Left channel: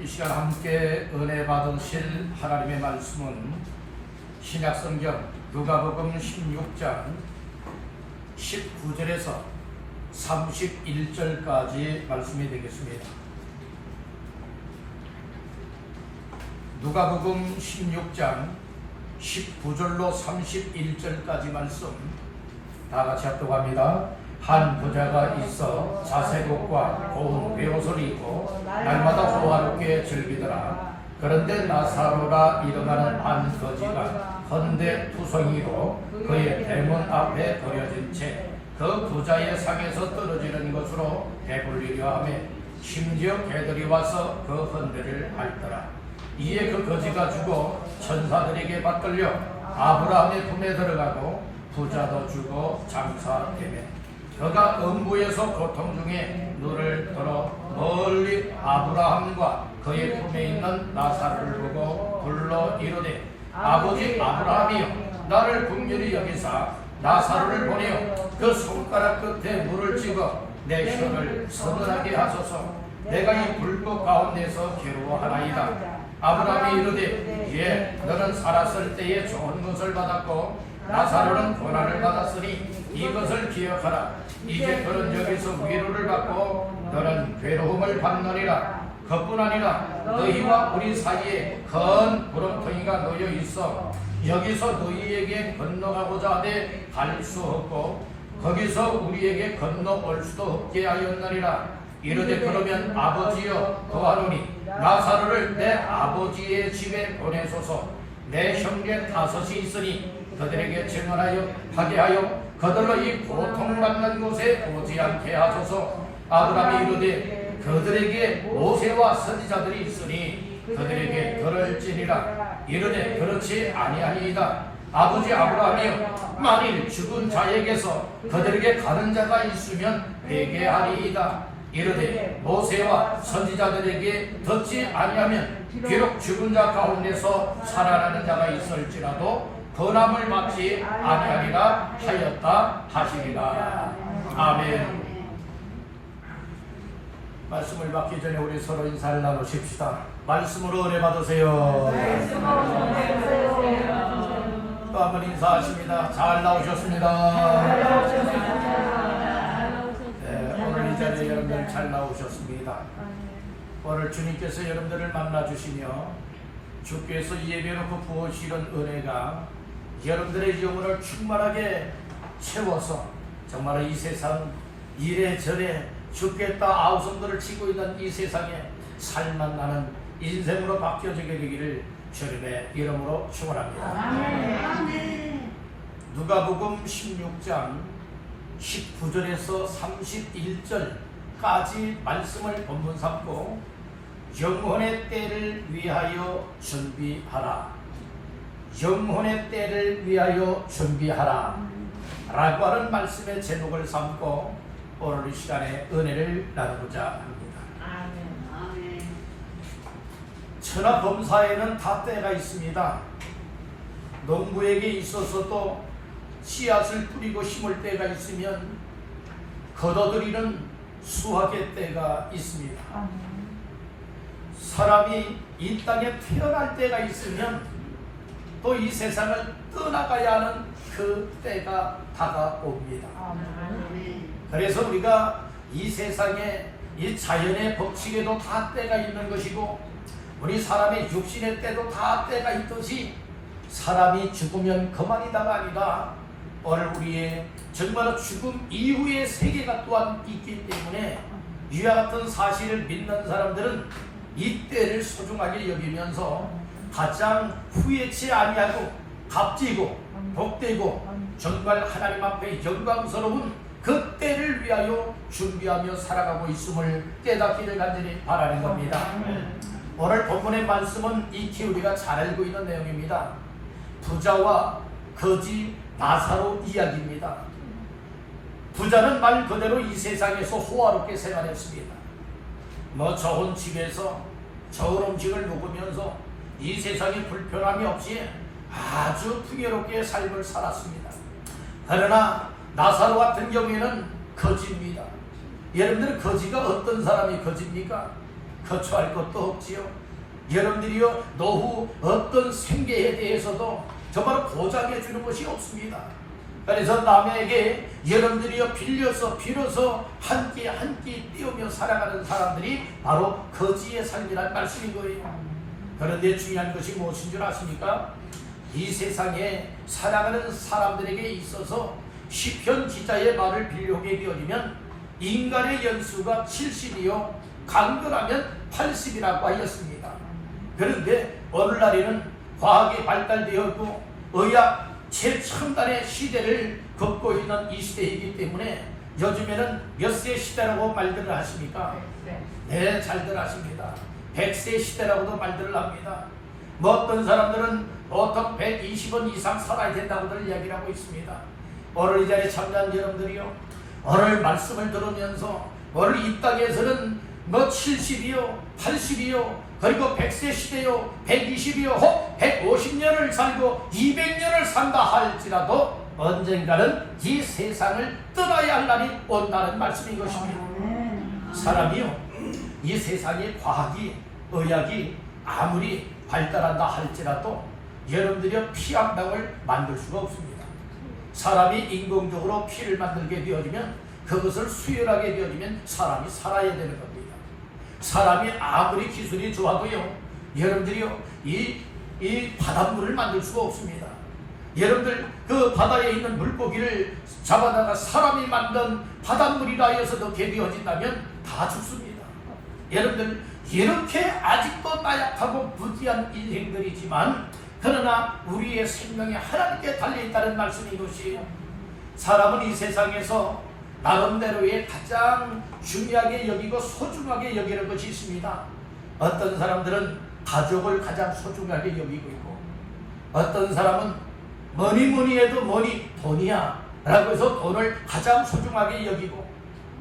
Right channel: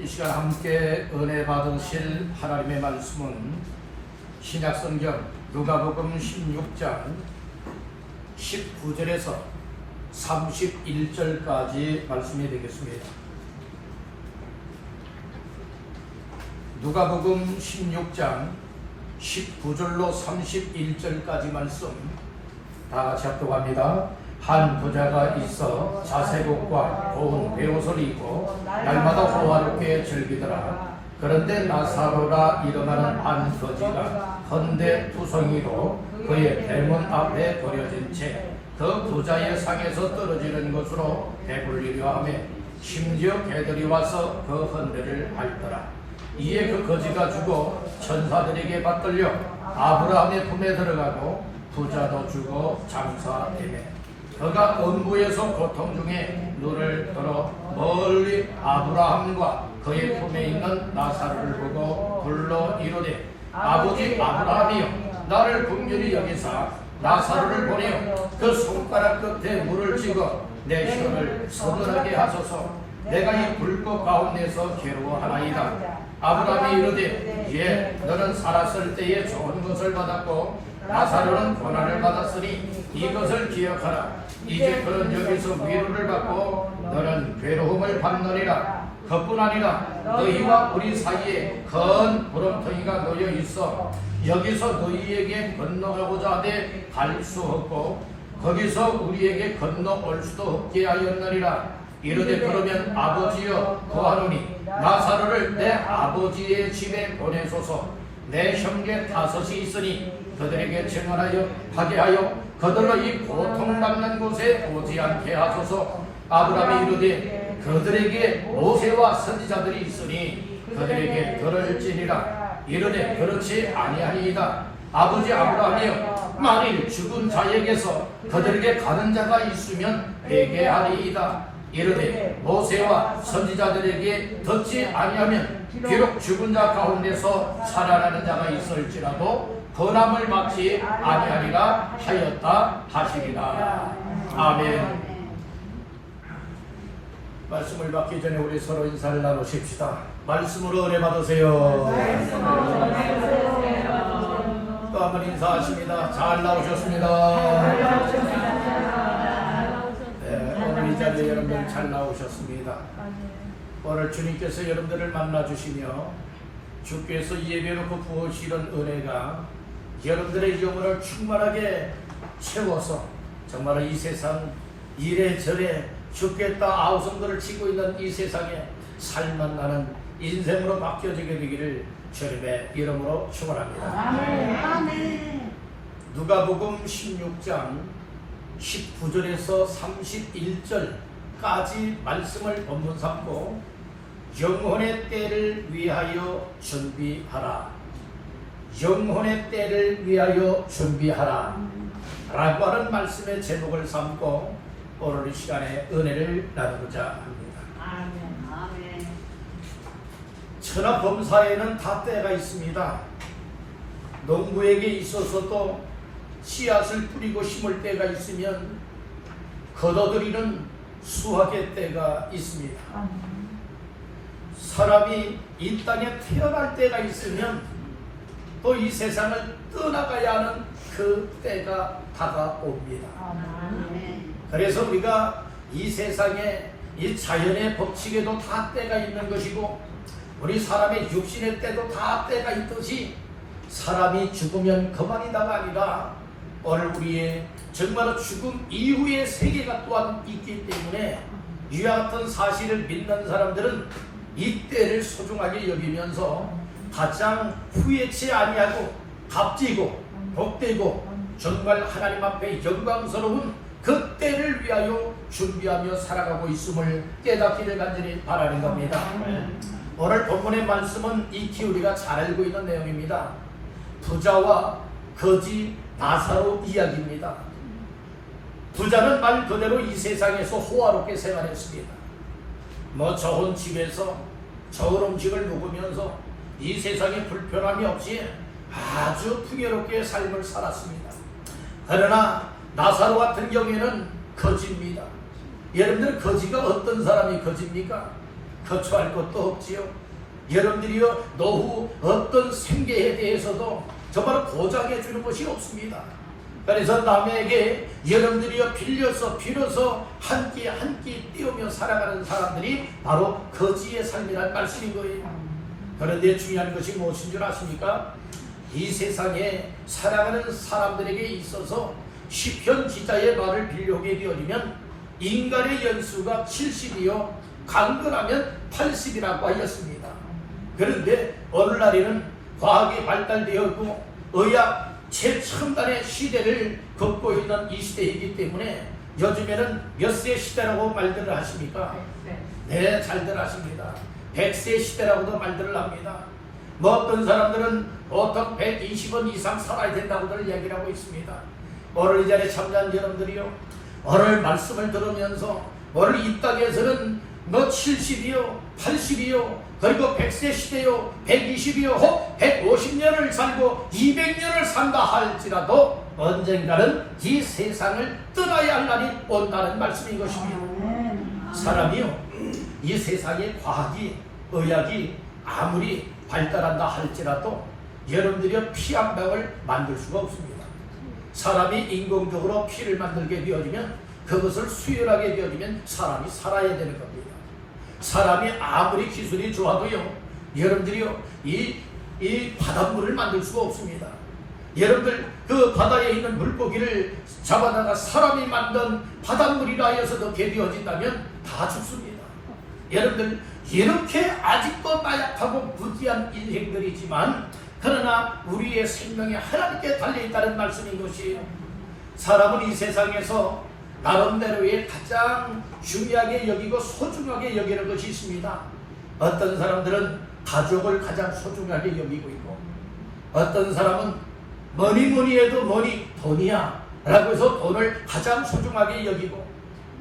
이 시간 함께 은혜 받으실 하나님의 말씀은 신약성경 누가복음 16장 19절에서 31절까지 말씀이 되겠습니다. 누가복음 16장 19절로 31절까지 말씀 다같이 합독합니다. 한 부자가 있어 자색옷과 고운 베옷을 입고 날마다 호화롭게 즐기더라. 그런데 나사로라 일어나는 한 거지가 헌데 투성이로 그의 대문 앞에 버려진 채 그 부자의 상에서 떨어지는 것으로 배불리려 하며 심지어 개들이 와서 그 헌데를 핥더라. 이에 그 거지가 죽어 천사들에게 받들려 아브라함의 품에 들어가고 부자도 죽어 장사되매 그가 음부에서 고통 중에 눈을 들어 멀리 아브라함과 그의 품에 있는 나사로를 보고 불러 이르되 아버지 아브라함이여 나를 긍휼히 여기사 나사로를 보내어 그 손가락 끝에 물을 찍어 내 혀를 서늘하게 하소서. 내가 이 불꽃 가운데서 괴로워하나이다. 아브라함이 이르되 예 너는 살았을 때에 좋은 것을 받았고 나사로는 고난을 받았으니 이것을 기억하라. 이제 그는 여기서 위로를 받고 너는 괴로움을 받느니라. 그뿐 아니라 너희와 우리 사이에 큰 구름텅이가 놓여 있어 여기서 너희에게 건너가고자 하되 갈 수 없고 거기서 우리에게 건너올 수도 없게 하였느니라. 이르되 그러면 아버지여 구하노니 나사로를 내 아버지의 집에 보내소서. 내 형제 5이 있으니 그들에게 증언하여 하게 하여 그들로 이 고통받는 곳에 오지 않게 하소서. 아브라함이 이르되 그들에게 모세와 선지자들이 있으니 그들에게 들을지니라. 이르되 그렇지 아니하니이다. 아버지 아브라함이여 만일 죽은 자에게서 그들에게 가는 자가 있으면 회개하리이다. 이르되 모세와 선지자들에게 듣지 아니하면 비록 죽은 자 가운데서 살아나는 자가 있을지라도 건함을 받지 아니하리라 하였다 하시리라. 아멘. 말씀을 받기 전에 우리 서로 인사를 나누십시다. 말씀으로 은혜 받으세요. 또 한 번 인사하십니다. 잘 나오셨습니다. 네, 오늘 이 자리에 여러분들 잘 나오셨습니다. 오늘 주님께서 여러분들을 만나주시며 주께서 예배놓고 부으시는 은혜가 여러분들의 영혼을 충만하게 채워서 정말 이 세상 이래저래 죽겠다 아우성들을 치고 있는 이 세상에 살만 나는 인생으로 바뀌어지게 되기를 주님의 이름으로 축원합니다. 아멘. 누가복음 16장 19절에서 31절까지 말씀을 본문 삼고 영혼의 때를 위하여 준비하라. 영혼의 때를 위하여 준비하라 라고 하는 말씀의 제목을 삼고 오늘 이 시간에 은혜를 나누고자 합니다. 천하 범사에는 다 때가 있습니다. 농부에게 있어서도 씨앗을 뿌리고 심을 때가 있으면 거둬들이는 수확의 때가 있습니다. 사람이 이 땅에 태어날 때가 있으면 또 이 세상을 떠나가야 하는 그 때가 다가옵니다. 그래서 우리가 이 세상에 이 자연의 법칙에도 다 때가 있는 것이고 우리 사람의 육신의 때도 다 때가 있듯이 사람이 죽으면 그만이다가 아니라 오늘 우리의 정말로 죽음 이후의 세계가 또한 있기 때문에 이와 같은 사실을 믿는 사람들은 이 때를 소중하게 여기면서 가장 후회치 아니하고 값지고 복되고 정말 하나님 앞에 영광스러운 그 때를 위하여 준비하며 살아가고 있음을 깨닫기를 간절히 바라는 겁니다. 오늘 본문의 말씀은 익히 우리가 잘 알고 있는 내용입니다. 부자와 거지 나사로 이야기입니다. 부자는 말 그대로 이 세상에서 호화롭게 생활했습니다. 좋은 집에서 좋은 음식을 먹으면서 이 세상에 불편함이 없이 아주 풍요롭게 삶을 살았습니다. 그러나 나사로 같은 경우에는 거지입니다. 여러분들 거지가 어떤 사람이 거지입니까? 거처할 것도 없지요. 여러분들이요, 노후 어떤 생계에 대해서도 정말 보장해 주는 것이 없습니다. 그래서 남에게 여러분들이요 빌어서 한 끼 한 끼 띄우며 살아가는 사람들이 바로 거지의 삶이란 말씀인 거예요. 그런데 중요한 것이 무엇인 줄 아십니까? 이 세상에 살아가는 사람들에게 있어서 시편 기자의 말을 빌려오게 되어지면 인간의 연수가 70이요 강건하면 80이라고 하였습니다. 그런데 오늘날에는 과학이 발달되었고 의학 최첨단의 시대를 걷고 있는 이 시대이기 때문에 요즘에는 몇 세 시대라고 말들을 하십니까? 네, 잘들 하십니다. 100세 시대라고도 말들을 합니다. 뭐 어떤 사람들은 보통 120원 이상 살아야 된다고들 이야기를 하고 있습니다. 오늘 이 자리에 참여한 여러분들이요, 오늘 말씀을 들으면서 오늘 이 땅에서는 뭐 70이요 80이요 그리고 100세 시대요 120이요 혹 150년을 살고 200년을 산다 할지라도 언젠가는 이 세상을 떠나야 할 날이 온다는 말씀인 것입니다. 사람이요 이 세상의 과학이 의학이 아무리 발달한다 할지라도 여러분들이 피 한 방울 만들 수가 없습니다. 사람이 인공적으로 피를 만들게 되어지면 그것을 수혈하게 되어지면 사람이 살아야 되는 겁니다. 사람이 아무리 기술이 좋아도요 여러분들이요 이 바닷물을 만들 수가 없습니다. 여러분들 그 바다에 있는 물고기를 잡아다가 사람이 만든 바닷물이라 해서도 개비어진다면 다 죽습니다. 여러분들 이렇게 아직도 나약하고 부지한 인생들이지만 그러나 우리의 생명이 하나님께 달려있다는 말씀인 것이에요. 사람은 이 세상에서 나름대로의 가장 중요하게 여기고 소중하게 여기는 것이 있습니다. 어떤 사람들은 가족을 가장 소중하게 여기고 있고 어떤 사람은 뭐니 해도 돈이야 라고 해서 돈을 가장 소중하게 여기고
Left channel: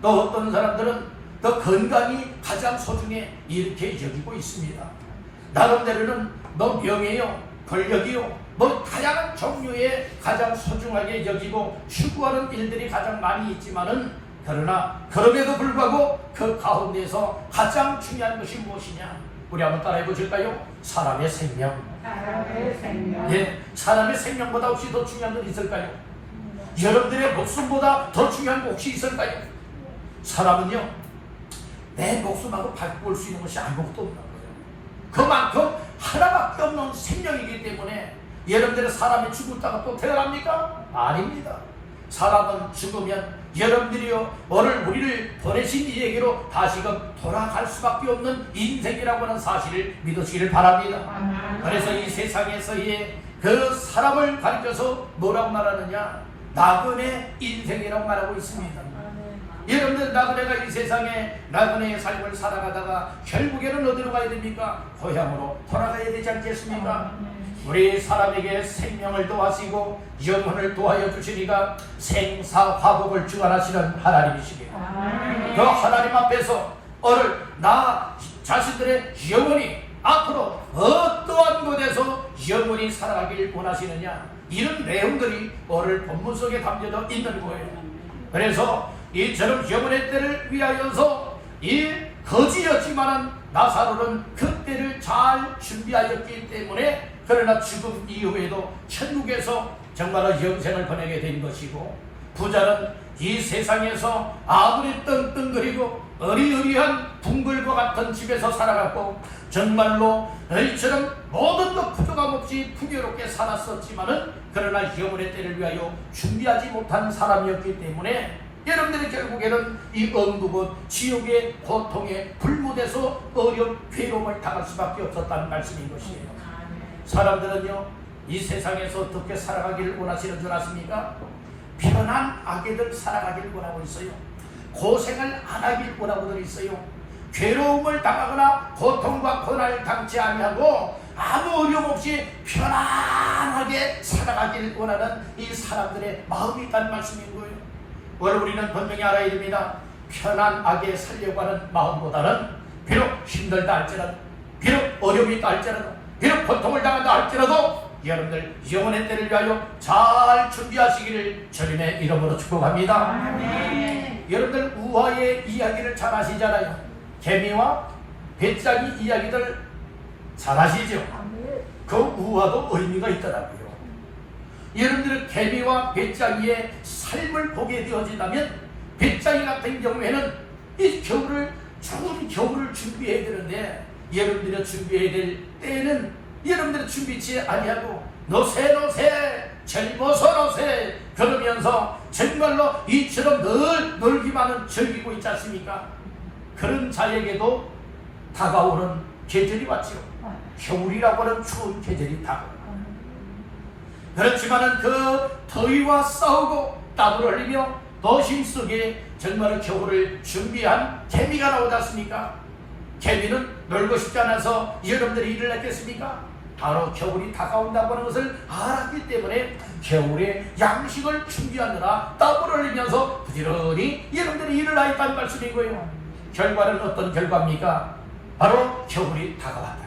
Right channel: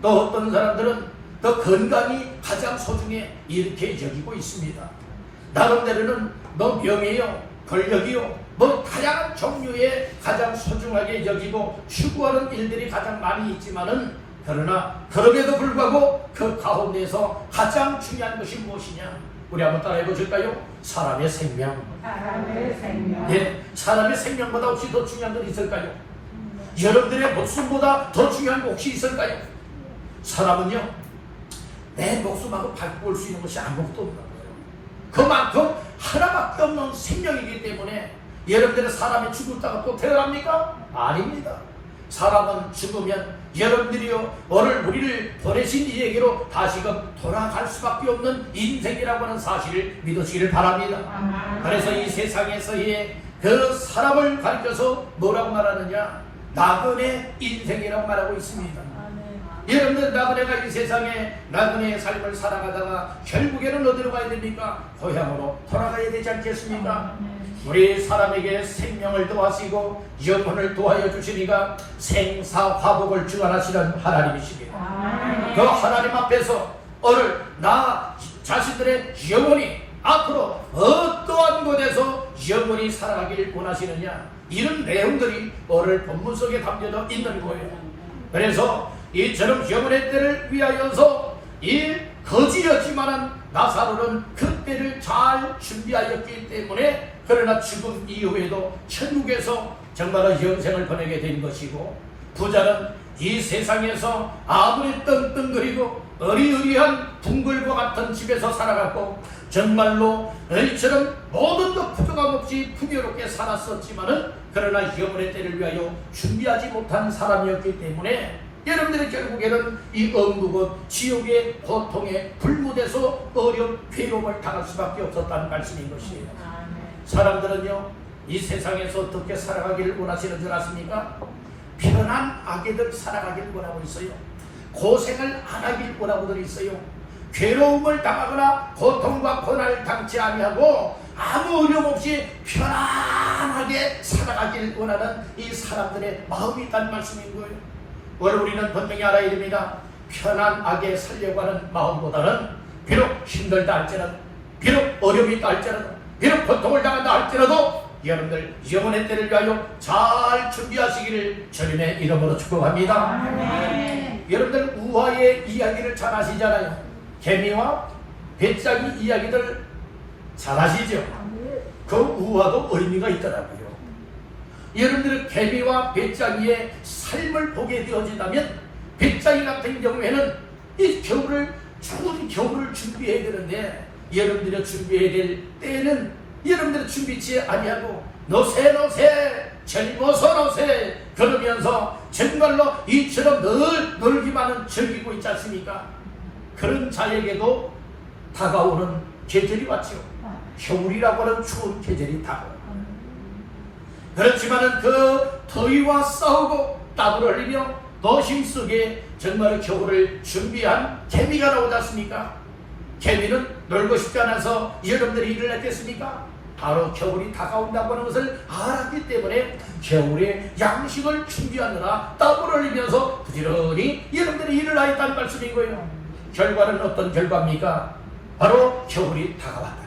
또 어떤 사람들은 또 건강이 가장 소중해 이렇게 여기고 있습니다. 나름대로는 너 명예요 권력이요 뭐 다양한 종류의 가장 소중하게 여기고 추구하는 일들이 가장 많이 있지만은 그러나 그럼에도 불구하고 그 가운데서 가장 중요한 것이 무엇이냐? 우리 한번 따라해 보실까요? 사람의 생명. 네, 사람의 생명보다 혹시 더 중요한 건 있을까요? 여러분들의 목숨보다 더 중요한 거 혹시 있을까요? 사람은요 내 목숨하고 바꿀 수 있는 것이 아무것도 없는 거예요. 그만큼 하나밖에 없는 생명이기 때문에 여러분들의 사람이 죽었다가 또 태어납니까? 아닙니다. 사람은 죽으면 여러분들이요 오늘 우리를 보내신 이에게로 다시금 돌아갈 수밖에 없는 인생이라고 하는 사실을 믿으시기를 바랍니다. 그래서 이 세상에서의 그 사람을 가리켜서 뭐라고 말하느냐? 나그네 인생이라고 말하고 있습니다. 여러분들 나그네가 이 세상에 나그네의 삶을 살아가다가 결국에는 어디로 가야 됩니까? 고향으로 돌아가야 되지 않겠습니까? 우리 사람에게 생명을 도와주시고 영혼을 도와여 주시니까 생사화복을 주관하시는 하나님이십니다. 그 하나님 앞에서 오늘 나 자신들의 영혼이 앞으로 어떠한 곳에서 영혼이 살아가길 원하시느냐 이런 내용들이 오늘 본문 속에 담겨져 있는 거예요. 그래서 이처럼 영혼의 때를 위하여서 이 거지였지만은 나사로는 그 때를 잘 준비하였기 때문에 그러나 죽음 이후에도 천국에서 정말로 영생을 보내게 된 것이고 부자는 이 세상에서 아무리 떵떵거리고 어리어리한 둥글과 같은 집에서 살아갔고 정말로 이처럼 모든 것 부족함 없이 풍요롭게 살았었지만은 그러나 영혼의 때를 위하여 준비하지 못한 사람이었기 때문에 여러분들이 결국에는 이 억누고 지옥의 고통에 불무돼서 어려운 괴로움을 당할 수밖에 없었다는 말씀인 것이에요. 사람들은요 이 세상에서 어떻게 살아가기를 원하시는 줄 아십니까? 편한 아기들 살아가기를 원하고 있어요. 고생을 안 하길 원하고들 있어요. 괴로움을 당하거나 고통과 고난을 당치 아니하고 아무 어려움 없이 편안하게 살아가길 원하는 이 사람들의 마음이 있다는 말씀인 거예요. 오늘 우리는 분명히 알아야 됩니다. 편안하게 살려고 하는 마음보다는 비록 힘들다 할지라도 비록 어려움이 있다 할지라도 비록 고통을 당한다 할지라도 여러분들 영혼의 때를 위하여 잘 준비하시기를 주님의 이름으로 축복합니다. 여러분들 우화의 이야기를 잘 아시잖아요. 개미와 배짱이 이야기들 잘 아시죠? 그 우화도 의미가 있더라고요. 여러분들은 개미와 배짱이의 삶을 보게 되어진다면 배짱이 같은 경우에는 이 겨울을, 추운 겨울을 준비해야 되는데 여러분들이 준비해야 될 때는 여러분들이 준비치 아니하고 노세 젊어서 노세 그러면서 정말로 이처럼 늘 놀기만은 즐기고 있지 않습니까? 그런 자에게도 다가오는 계절이 왔죠. 겨울이라고 하는 추운 계절이 다가오고, 그렇지만은 그 더위와 싸우고 땀을 흘리며 더 힘쓰게 정말 겨울을 준비한 개미가 나오지 않습니까? 개미는 놀고 싶지 않아서 여러분들이 일을 했겠습니까? 바로 겨울이 다가온다고 하는 것을 알았기 때문에 겨울에 양식을 준비하느라 땀을 흘리면서 부지런히 여러분들이 일을 하였다는 말씀인 거예요. 결과는 어떤 결과입니까? 바로 겨울이 다가왔다.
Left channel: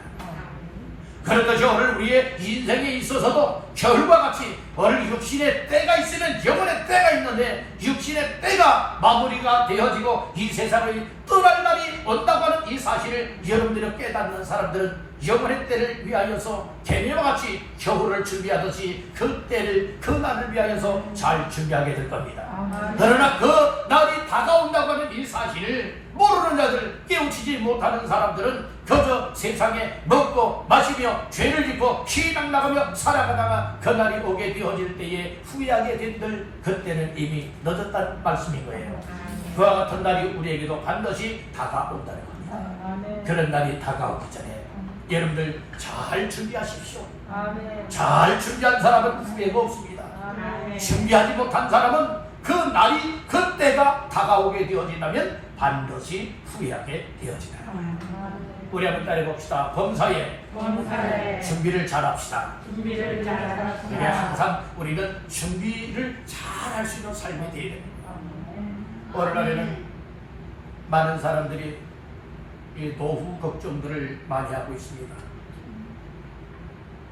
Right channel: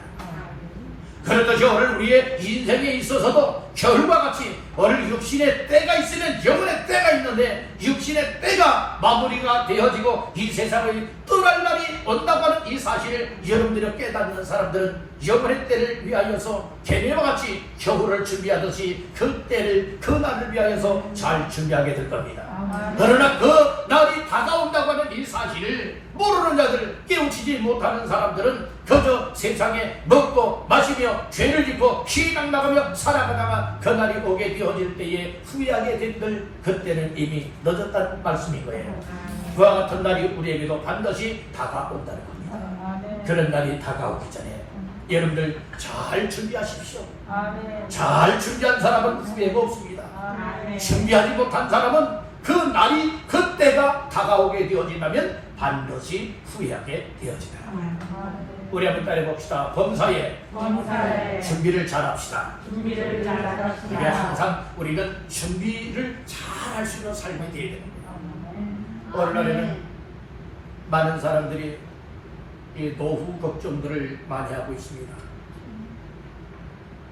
그렇듯이 오늘 우리의 인생에 있어서도 겨울과 같이 오늘 육신의 때가 있으면 영혼의 때가 있는데 육신의 때가 마무리가 되어지고 이 세상을 떠날 날이 온다고 하는 이 사실을 여러분들이 깨닫는 사람들은 영혼의 때를 위하여서 개미와 같이 겨울을 준비하듯이 그 때를, 그 날을 위하여서 잘 준비하게 될 겁니다. 그러나 그 날이 다가온다고 하는 이 사실을 모르는 자들, 깨우치지 못하는 사람들은 그저 세상에 먹고 마시며 죄를 짓고 희망 나가며 살아가다가 그 날이 오게 되어질 때에 후회하게 된들 그때는 이미 늦었다는 말씀인 거예요. 그와 같은 날이 우리에게도 반드시 다가온다는 겁니다. 그런 날이 다가오기 전에 여러분들 잘 준비하십시오. 잘 준비한 사람은 후회가 없습니다. 준비하지 못한 사람은 그 날이, 그 때가 다가오게 되어진다면 반드시 후회하게 되어진다. 우리 한번 따라해봅시다. 범사에 준비를 잘합시다. 그게 항상 우리는 준비를 잘 할 수 있는 삶이 되어야 됩니다. 오늘날에는 많은 사람들이 이 노후 걱정들을 많이 하고 있습니다.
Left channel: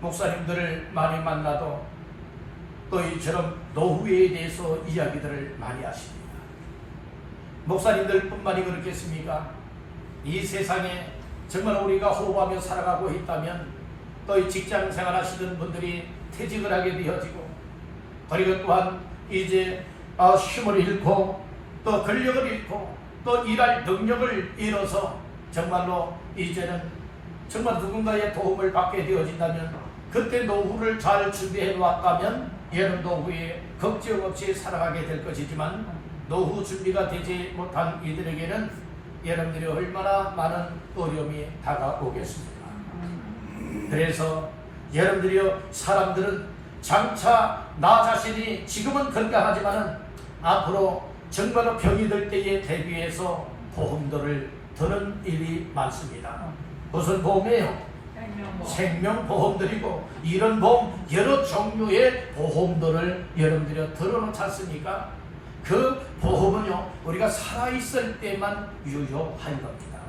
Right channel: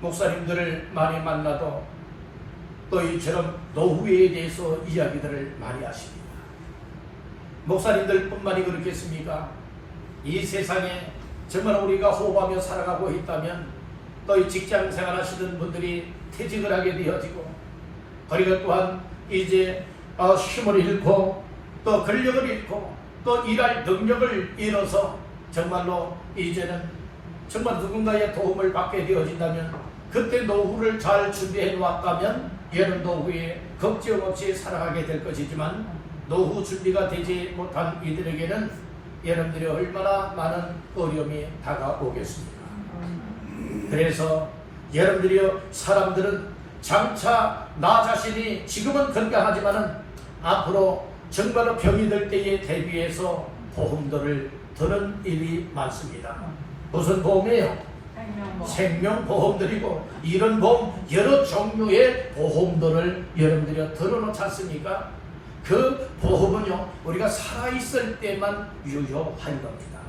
목사님들을 많이 만나도 또 이처럼 노후에 대해서 이야기들을 많이 하십니다. 목사님들 뿐만이 그렇겠습니까? 이 세상에 정말 우리가 호흡하며 살아가고 있다면 또 이 직장 생활하시는 분들이 퇴직을 하게 되어지고, 그리고 또한 이제 힘을 잃고 또 근력을 잃고 또 일할 능력을 잃어서 정말로 이제는 정말 누군가의 도움을 받게 되어진다면 그때 노후를 잘 준비해 놓았다면 여름 노후에 걱정 없이 살아가게 될 것이지만 노후 준비가 되지 못한 이들에게는 여러분들이 얼마나 많은 어려움이 다가오겠습니까? 그래서 여러분들이요, 사람들은 장차 나 자신이 지금은 건강하지만은 앞으로 정말로 병이 들 때에 대비해서 보험들을 드는 일이 많습니다. 무슨 보험이에요? 생명보험들이고 이런 보험, 여러 종류의 보험들을 여러분들이 들어놓지 않습니까? 그 보험은요, 우리가 살아있을 때만 유효한 겁니다.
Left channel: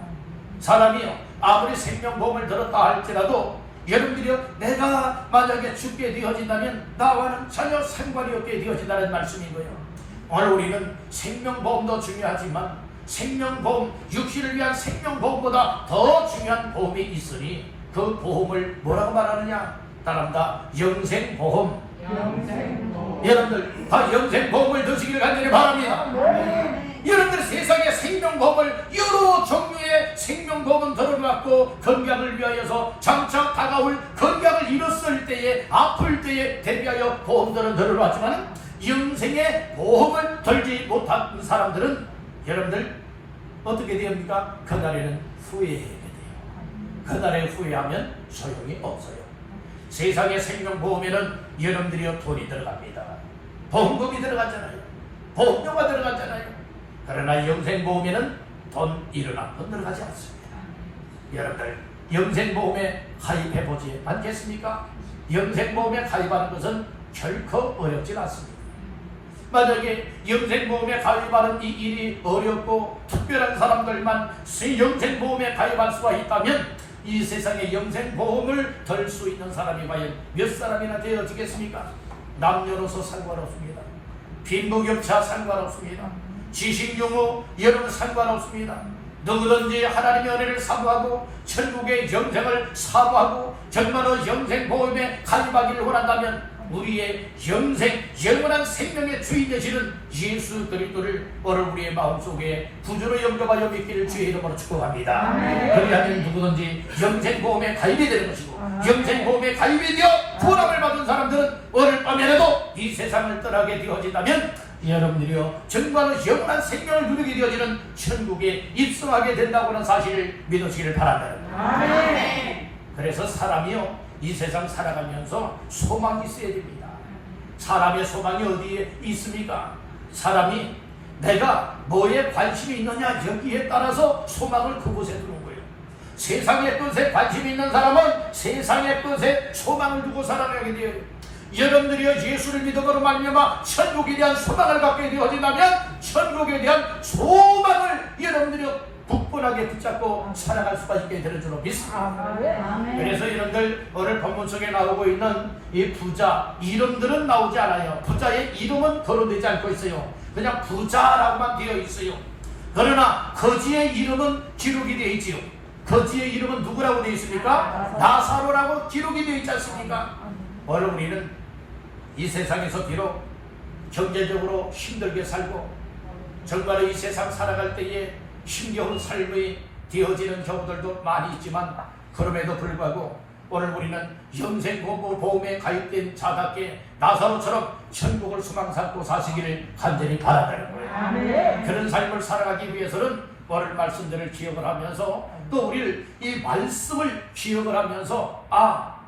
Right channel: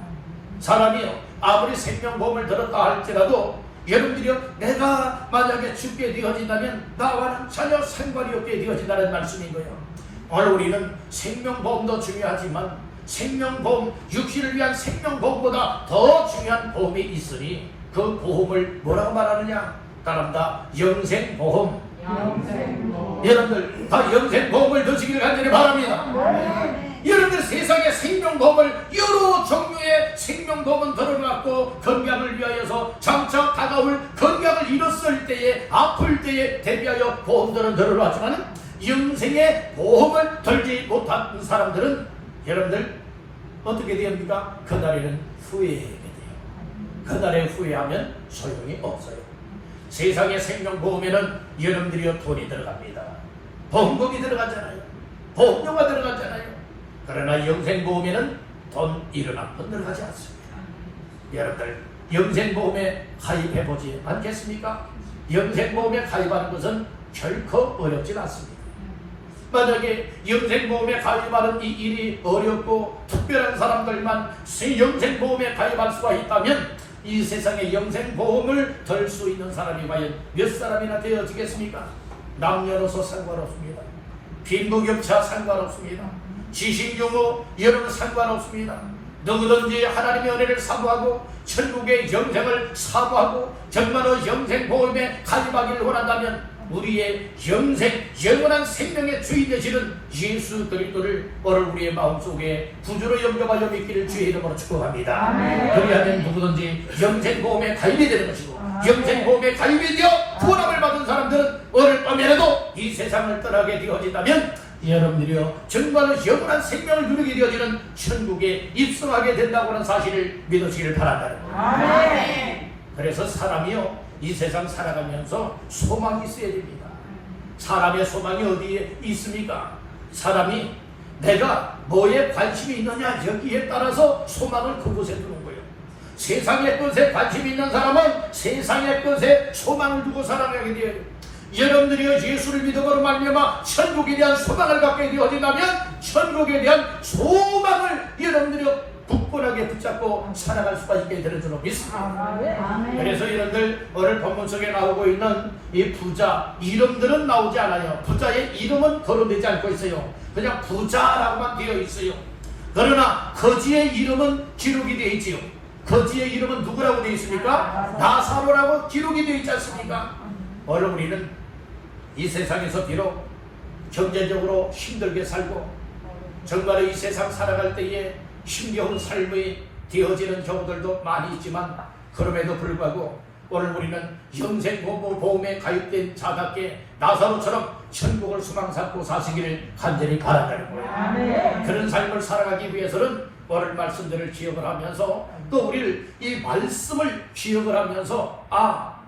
사람이요, 아무리 생명보험을 들었다 할지라도 여러분들이요, 내가 만약에 죽게 되어진다면 나와는 전혀 상관이 없게 되어진다는 말씀인 거예요. 오늘 우리는 생명보험도 중요하지만 생명보험, 육신을 위한 생명보험보다 더 중요한 보험이 있으니 그 보험을 뭐라고 말하느냐? 따라합니다. 영생보험. 여러분들 다 영생보험을 드시기를 간절히 바랍니다. 여러분들 세상에 생명보험을 여러 종류의 생명보험은 들어놨고 건강을 위하여서 장차 다가올 건강을 잃었을 때에 아플 때에 대비하여 보험들은 들어놨지만 영생의 보험을 들지 못한 사람들은 여러분들 어떻게 됩니까? 그날에는 후회하게 돼요. 그날에 후회하면 소용이 없어요. 세상의 생명보험에는 여러분들이 돈이 들어갑니다. 보험금이 들어가잖아요. 보험료가 들어가잖아요. 그러나 영생보험에는 돈 1원 들어가지 않습니다. 여러분들 영생보험에 가입해보지 않겠습니까? 영생보험에 가입하는 것은 결코 어렵지 않습니다. 만약에 영생보험에 가입하는 이 일이 어렵고 특별한 사람들만 영생보험에 가입할 수가 있다면 이 세상에 영생보험을 들 수 있는 사람이 과연 몇 사람이나 되어지겠습니까? 남녀노소 상관없습니다. 빈부격차 상관없습니다. 지식용어 여러분 상관없습니다. 누구든지 하나님의 은혜를 사모하고 천국의 영생을 사모하고 정말로 영생 보험에 가입하기를 원한다면 우리의 영생, 영원한 생명의 주인 되시는 예수 그리스도를 오늘 우리의 마음속에 구주로 영접하여 믿기를 주의 이름으로 축복합니다. 그리하면 누구든지 영생 보험에 가입이 되는 것이고 영생 보험에 가입이 되어 구원함을 받은 사람들은 오늘 밤에라도 이 세상을 떠나게 되어진다면 여러분들이요 정말로 영원한 생명을 누리게 되어지는 천국에 입성하게 된다고 하는 사실을 믿으시기를 바란다는 거예요. 그래서 사람이요 이 세상 살아가면서 소망이 있어야 됩니다. 사람의 소망이 어디에 있습니까? 사람이 내가 뭐에 관심이 있느냐 여기에 따라서 소망을 그곳에 두는 거예요. 세상의 것에 관심이 있는 사람은 세상의 것에 소망을 두고 살아가게 돼요. 여러분들이 예수를 믿음으로 말미암아 천국에 대한 소망을 갖게 되어진다면 천국에 대한 소망을 여러분들이 굳건하게 붙잡고 살아갈 수가 있게 되는 줄로 믿습니다. 그래서 여러분들 오늘 본문 속에 나오고 있는 이 부자 이름들은 나오지 않아요. 부자의 이름은 거론되지 않고 있어요. 그냥 부자라고만 되어 있어요. 그러나 거지의 이름은 기록이 되어 있지요. 거지의 이름은 누구라고 되어 있습니까? 나사로라고 기록이 되어 있지 않습니까? 오늘 우리는 이 세상에서 비록 경제적으로 힘들게 살고 정말로 이 세상 살아갈 때에 힘겨운 삶이 되어지는 경우들도 많이 있지만 그럼에도 불구하고 오늘 우리는 영생보험에 가입된 자답게 나사로처럼 천국을 소망 삼고 사시기를 간절히 바란다는 거예요. 그런 삶을 살아가기 위해서는 오늘 말씀들을 기억을 하면서 또 우리를 이 말씀을 기억을 하면서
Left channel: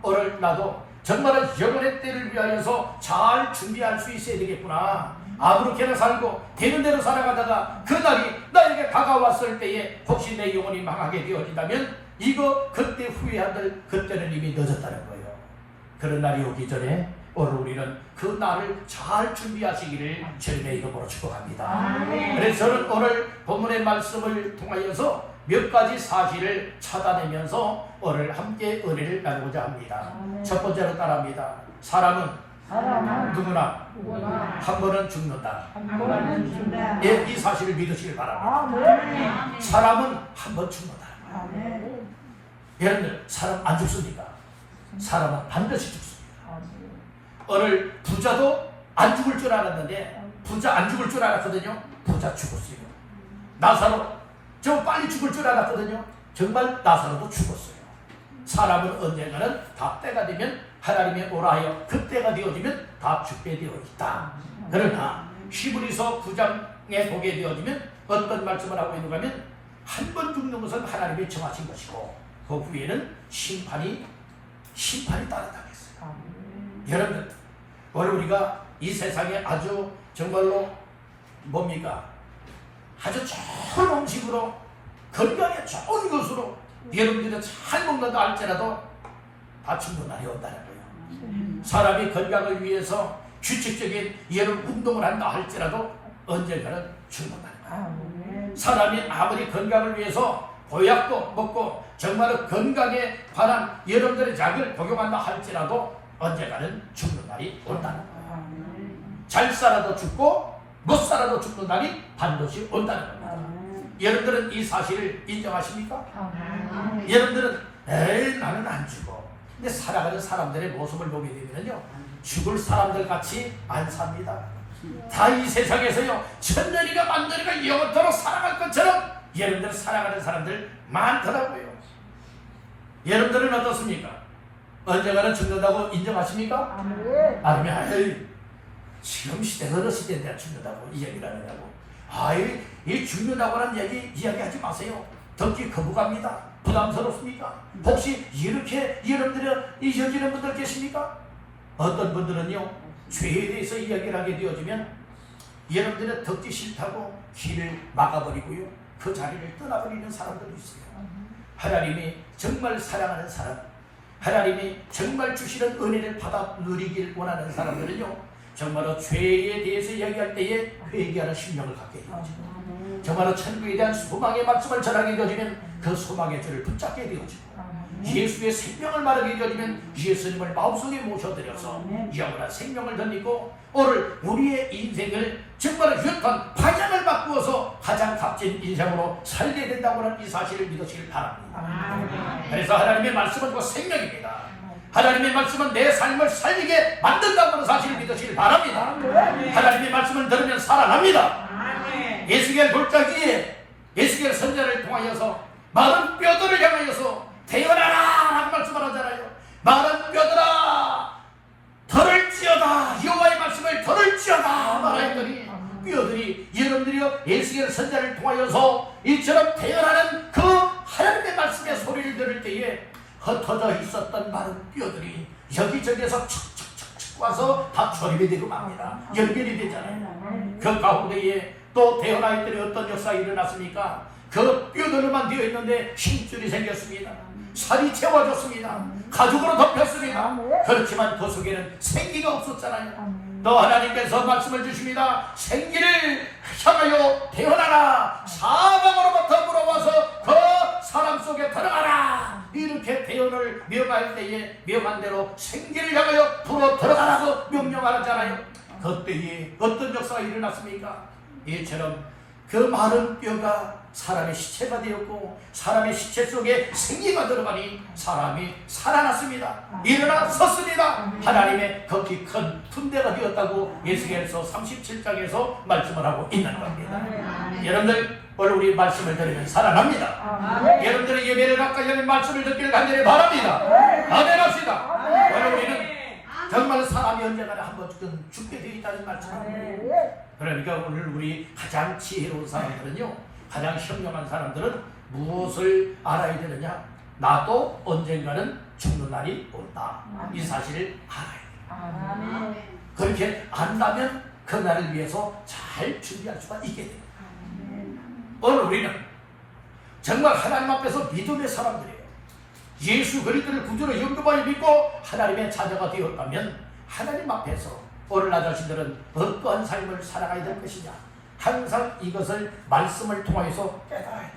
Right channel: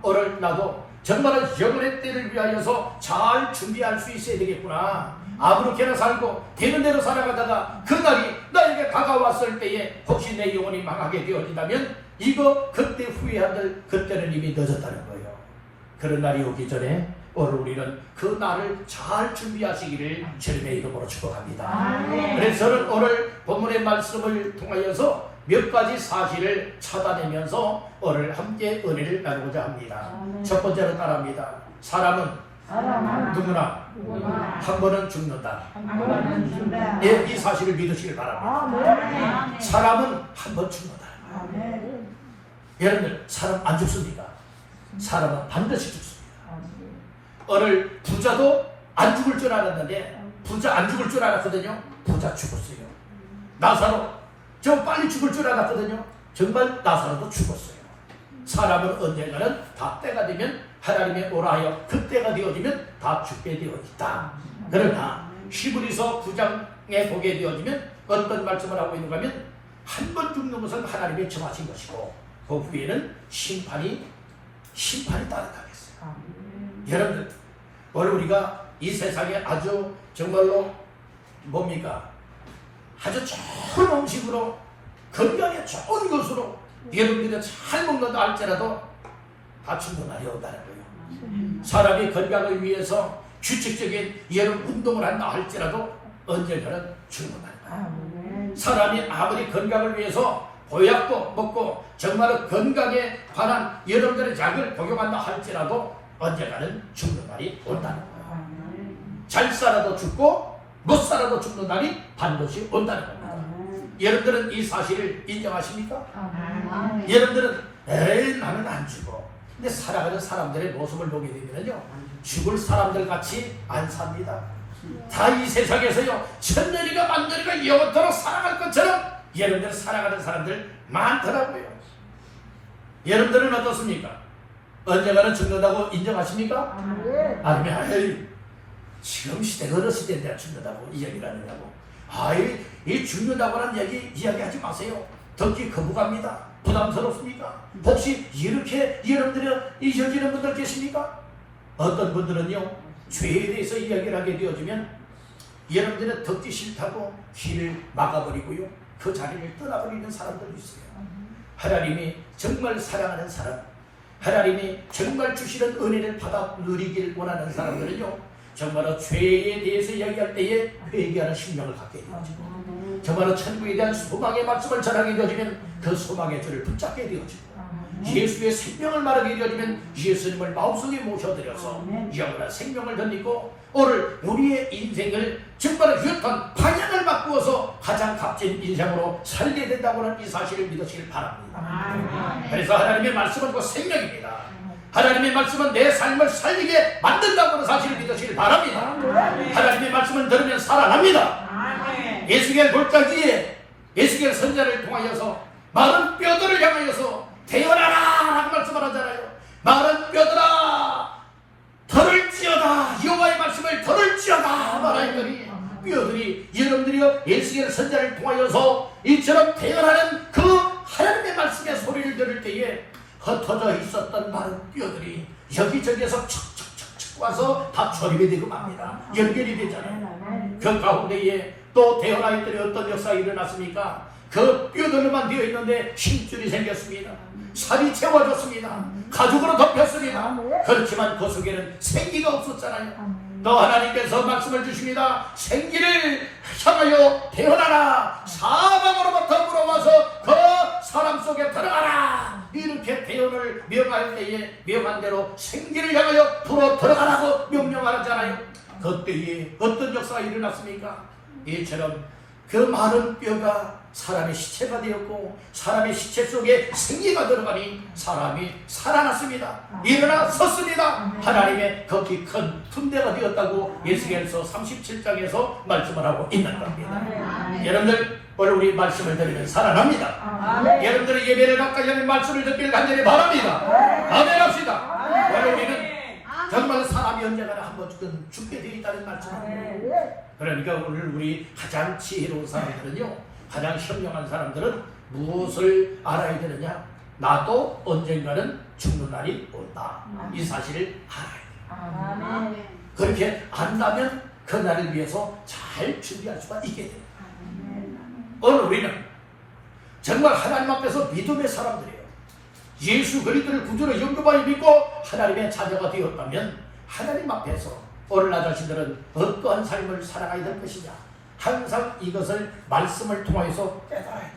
오늘 나도 정말 영원의 때를 위하여서 잘 준비할 수 있어야 되겠구나. 아무렇게나 살고 되는 대로 살아가다가 그날이 나에게 다가왔을 때에 혹시 내 영혼이 망하게 되어진다면 이거 그때 후회한들 그때는 이미 늦었다는 거예요. 그런 날이 오기 전에 오늘 우리는 그 날을 잘 준비하시기를 주님의 이름으로 축복합니다. 그래서 저는 오늘 본문의 말씀을 통하여서 몇 가지 사실을 찾아내면서 오늘 함께 은혜를 나누고자 합니다. 첫 번째로 따라합니다. 사람은 누구나 한 번은 죽는다. 예, 이 사실을 믿으시길 바랍니다. 사람은 한 번 죽는다. 여러분들 사람 안 죽습니까? 사람은 반드시 죽습니다. 오늘 부자도 안 죽을 줄 알았는데 부자 안 죽을 줄 알았거든요. 부자 죽었어요. 나사로 좀 빨리 죽을 줄 알았거든요. 정말 나사로도 죽었어요. 사람은 언젠가는 다 때가 되면 하나님의 오라하여 그때가 되어지면 다 죽게 되어 있다. 그러나 히브리서 9장에 보게 되어지면 어떤 말씀을 하고 있는가 하면 한 번 죽는 것은 하나님이 정하신 것이고 그 후에는 심판이 따르다겠어요. 여러분들 오늘 우리가 이 세상에 아주 정말로 뭡니까? 아주 좋은 음식으로 건강에 좋은 것으로 여러분들이 잘 먹는다 할지라도 다 죽는 날이 온다는 거예요. 사람이 건강을 위해서 규칙적인 여러분 운동을 한다 할지라도 언젠가는 죽는다는 거예요. 사람이 아무리 건강을 위해서 보약도 먹고 정말 건강에 관한 여러분들의 약을 복용한다 할지라도 언젠가는 죽는 날이 온다는 거예요. 잘 살아도 죽고 못 살아도 죽는 날이 반드시 온다는 겁니다. 여러분들은 이 사실을 인정하십니까? 여러분들은 에이 나는 안 죽어. 근데 살아가는 사람들의 모습을 보게 되면요 죽을 사람들 같이 안 삽니다. 다 이 세상에서요 천년이가 만년이가 영원토록 살아갈 것처럼 여러분들 살아가는 사람들 많더라고요. 여러분들은 어떻습니까? 언젠가는 죽는다고 인정하십니까? 아니면 에이 지금 시대가 어느 시대인데 죽는다고 이 얘기를 하느냐고. 이 죽는다고 하는 얘기 이야기하지 마세요. 듣기 거부감입니다. 부담스럽습니까? 혹시 이렇게 여러분들은 잊어지는 분들 계십니까? 어떤 분들은요 죄에 대해서 이야기를 하게 되어지면 여러분들은 듣기 싫다고 귀를 막아버리고요 그 자리를 떠나버리는 사람들도 있어요. 하나님이 정말 사랑하는 사람, 하나님이 정말 주시는 은혜를 받아 누리길 원하는 사람들은요 정말로 죄에 대해서 이야기할 때에 회개하는 심령을 갖게 되어지고 정말로 천국에 대한 소망의 말씀을 전하게 되어지면 그 소망의 죄를 붙잡게 되어지고 예수의 생명을 말하게 되면 예수님을 마음속에 모셔드려서 영원한 생명을 덧입고 오늘 우리의 인생을 정말 유익한 방향을 바꾸어서 가장 값진 인생으로 살게 된다고 하는 이 사실을 믿으시길 바랍니다. 그래서 하나님의 말씀은 그 생명입니다. 하나님의 말씀은 내 삶을 살리게 만든다고 하는 사실을 믿으시길 바랍니다. 하나님의 말씀을 들으면 살아납니다. 에스겔 골짜기에 에스겔 선지자를 통하여서 마른 뼈들을 향하여서 태어나라 라는 말씀을 하잖아요. 마른 뼈들아 들을지어다, 여호와의 말씀을 들을지어다 말하였더니 뼈들이 여러분들이요 에스겔 선지자를 통하여서 이처럼 태어나는 그 하나님의 말씀의 소리를 들을 때에 흩어져 있었던 마른 뼈들이 여기저기에서 척척척척 와서 다 조립이 되고 맙니다. 연결이 되잖아요. 그 가운데에 또 태어나 있더니 어떤 역사가 일어났습니까? 그 뼈들로만 되어 있는데 힘줄이 생겼습니다. 살이 채워졌습니다. 가죽으로 덮였습니다. 그렇지만 그 속에는 생기가 없었잖아요. 또 하나님께서 말씀을 주십니다. 생기를 향하여 태어나라, 사방으로부터 물어와서 그 사람 속에 들어가라. 이렇게 태어을 명할 때에 명한 대로 생기를 향하여 불어 들어가라고 명령하잖아요. 그때에 어떤 역사가 일어났습니까? 이처럼 그 마른 뼈가 사람의 시체가 되었고 사람의 시체 속에 생기가 들어가니 사람이 살아났습니다. 일어나 섰습니다. 하나님의 극히 큰 분배가 되었다고 에스겔서 37장에서 말씀을 하고 있는 겁니다. 여러분들 오늘 우리 말씀을 들으면 살아납니다. 여러분들의 예배를 가까이 하는 말씀을 듣기를 간절히 바랍니다. 아멘 합시다. 오늘 우리는 정말 사람이 언젠가는 한 번쯤 죽게 되어 있다는 말씀입니다. 그러니까 오늘 우리 가장 지혜로운 사람들은요, 가장 현명한 사람들은 무엇을 알아야 되느냐? 나도 언젠가는 죽는 날이 온다. 이 사실을 알아야 돼요. 그렇게 안다면 그 날을 위해서 잘 준비할 수가 있게 돼요. 오늘 우리는 정말 하나님 앞에서 믿음의 사람들이에요. 예수 그리스도를 구주로 영접하여 믿고 하나님의 자녀가 되었다면 하나님 앞에서 오늘 나 자신들은 어떠한 삶을 살아가야 될 것이냐, 항상 이것을 말씀을 통해서 깨달아야 돼요.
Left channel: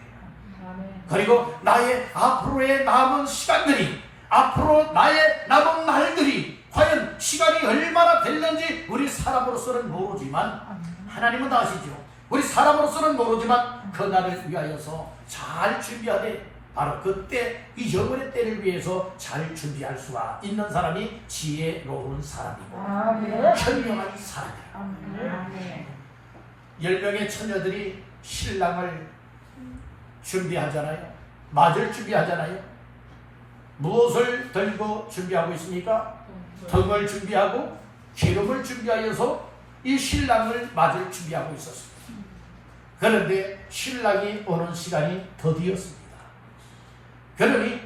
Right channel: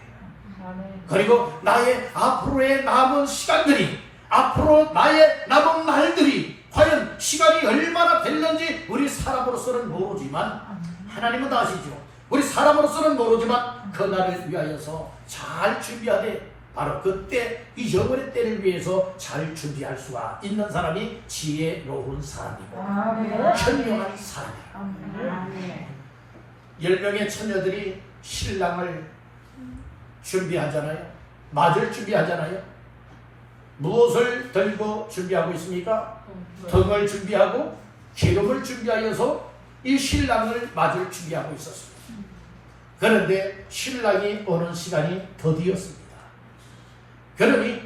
그리고 나의 앞으로의 남은 시간들이, 앞으로 나의 남은 날들이 과연 시간이 얼마나 됐는지 우리 사람으로서는 모르지만 하나님은 아시죠. 우리 사람으로서는 모르지만 그 날을 위하여서 잘 준비하되 바로 그때 이 영원의 때를 위해서 잘 준비할 수가 있는 사람이 지혜로운 사람이고 현명한 사람이에요. 10명의 처녀들이 신랑을 준비하잖아요. 맞을 준비하잖아요. 무엇을 들고 준비하고 있습니까? 등을 준비하고 기름을 준비하여서 이 신랑을 맞을 준비하고 있었습니다. 그런데 신랑이 오는 시간이 더디었습니다. 그러니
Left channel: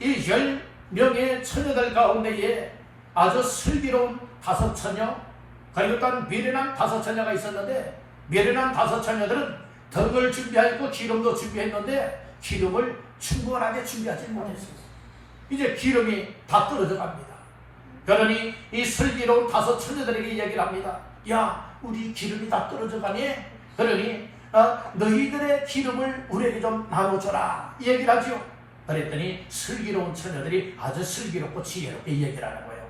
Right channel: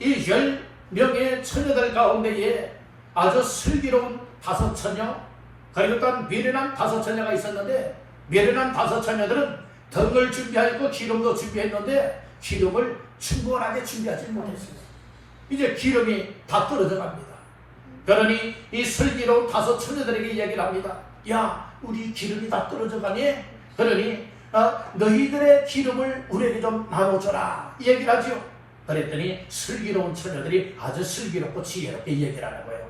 이 10명의 처녀들 가운데에 아주 슬기로운 5처녀, 그리고 또 미련한 5처녀가 있었는데, 미련한 5처녀들은 등을 준비하고 기름도 준비했는데 기름을 충분하게 준비하지 못했습니다. 이제 기름이 다 떨어져 갑니다. 그러니 이 슬기로운 5처녀들에게 얘기를 합니다. 야, 우리 기름이 다 떨어져 가니? 그러니 너희들의 기름을 우리에게 좀 나눠줘라, 이 얘기를 하죠. 그랬더니 슬기로운 처녀들이 아주 슬기롭고 지혜롭게 얘기를 하는 거예요.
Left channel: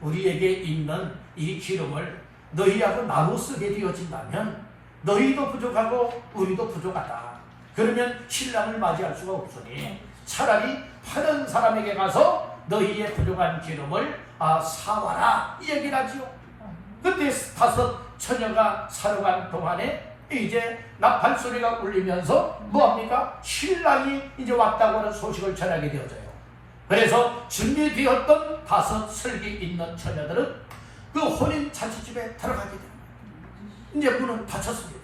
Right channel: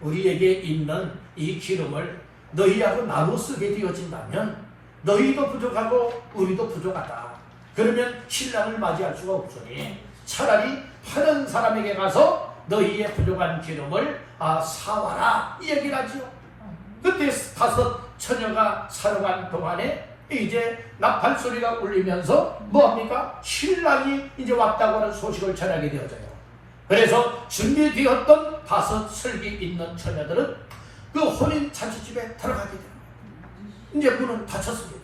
우리에게 있는 이 기름을 너희하고 나눠 쓰게 되어진다면 너희도 부족하고 우리도 부족하다. 그러면 신랑을 맞이할 수가 없으니 차라리 파는 사람에게 가서 너희의 부족한 기름을 사와라, 이 얘기를 하죠. 그때 5처녀가 사러 간 동안에 이제 나팔 소리가 울리면서 뭐합니까? 신랑이 이제 왔다고 하는 소식을 전하게 되어져요. 그래서 준비되었던 5 슬기 있는 처녀들은 그 혼인 잔치집에 들어가게 돼요. 이제 문은 닫혔습니다.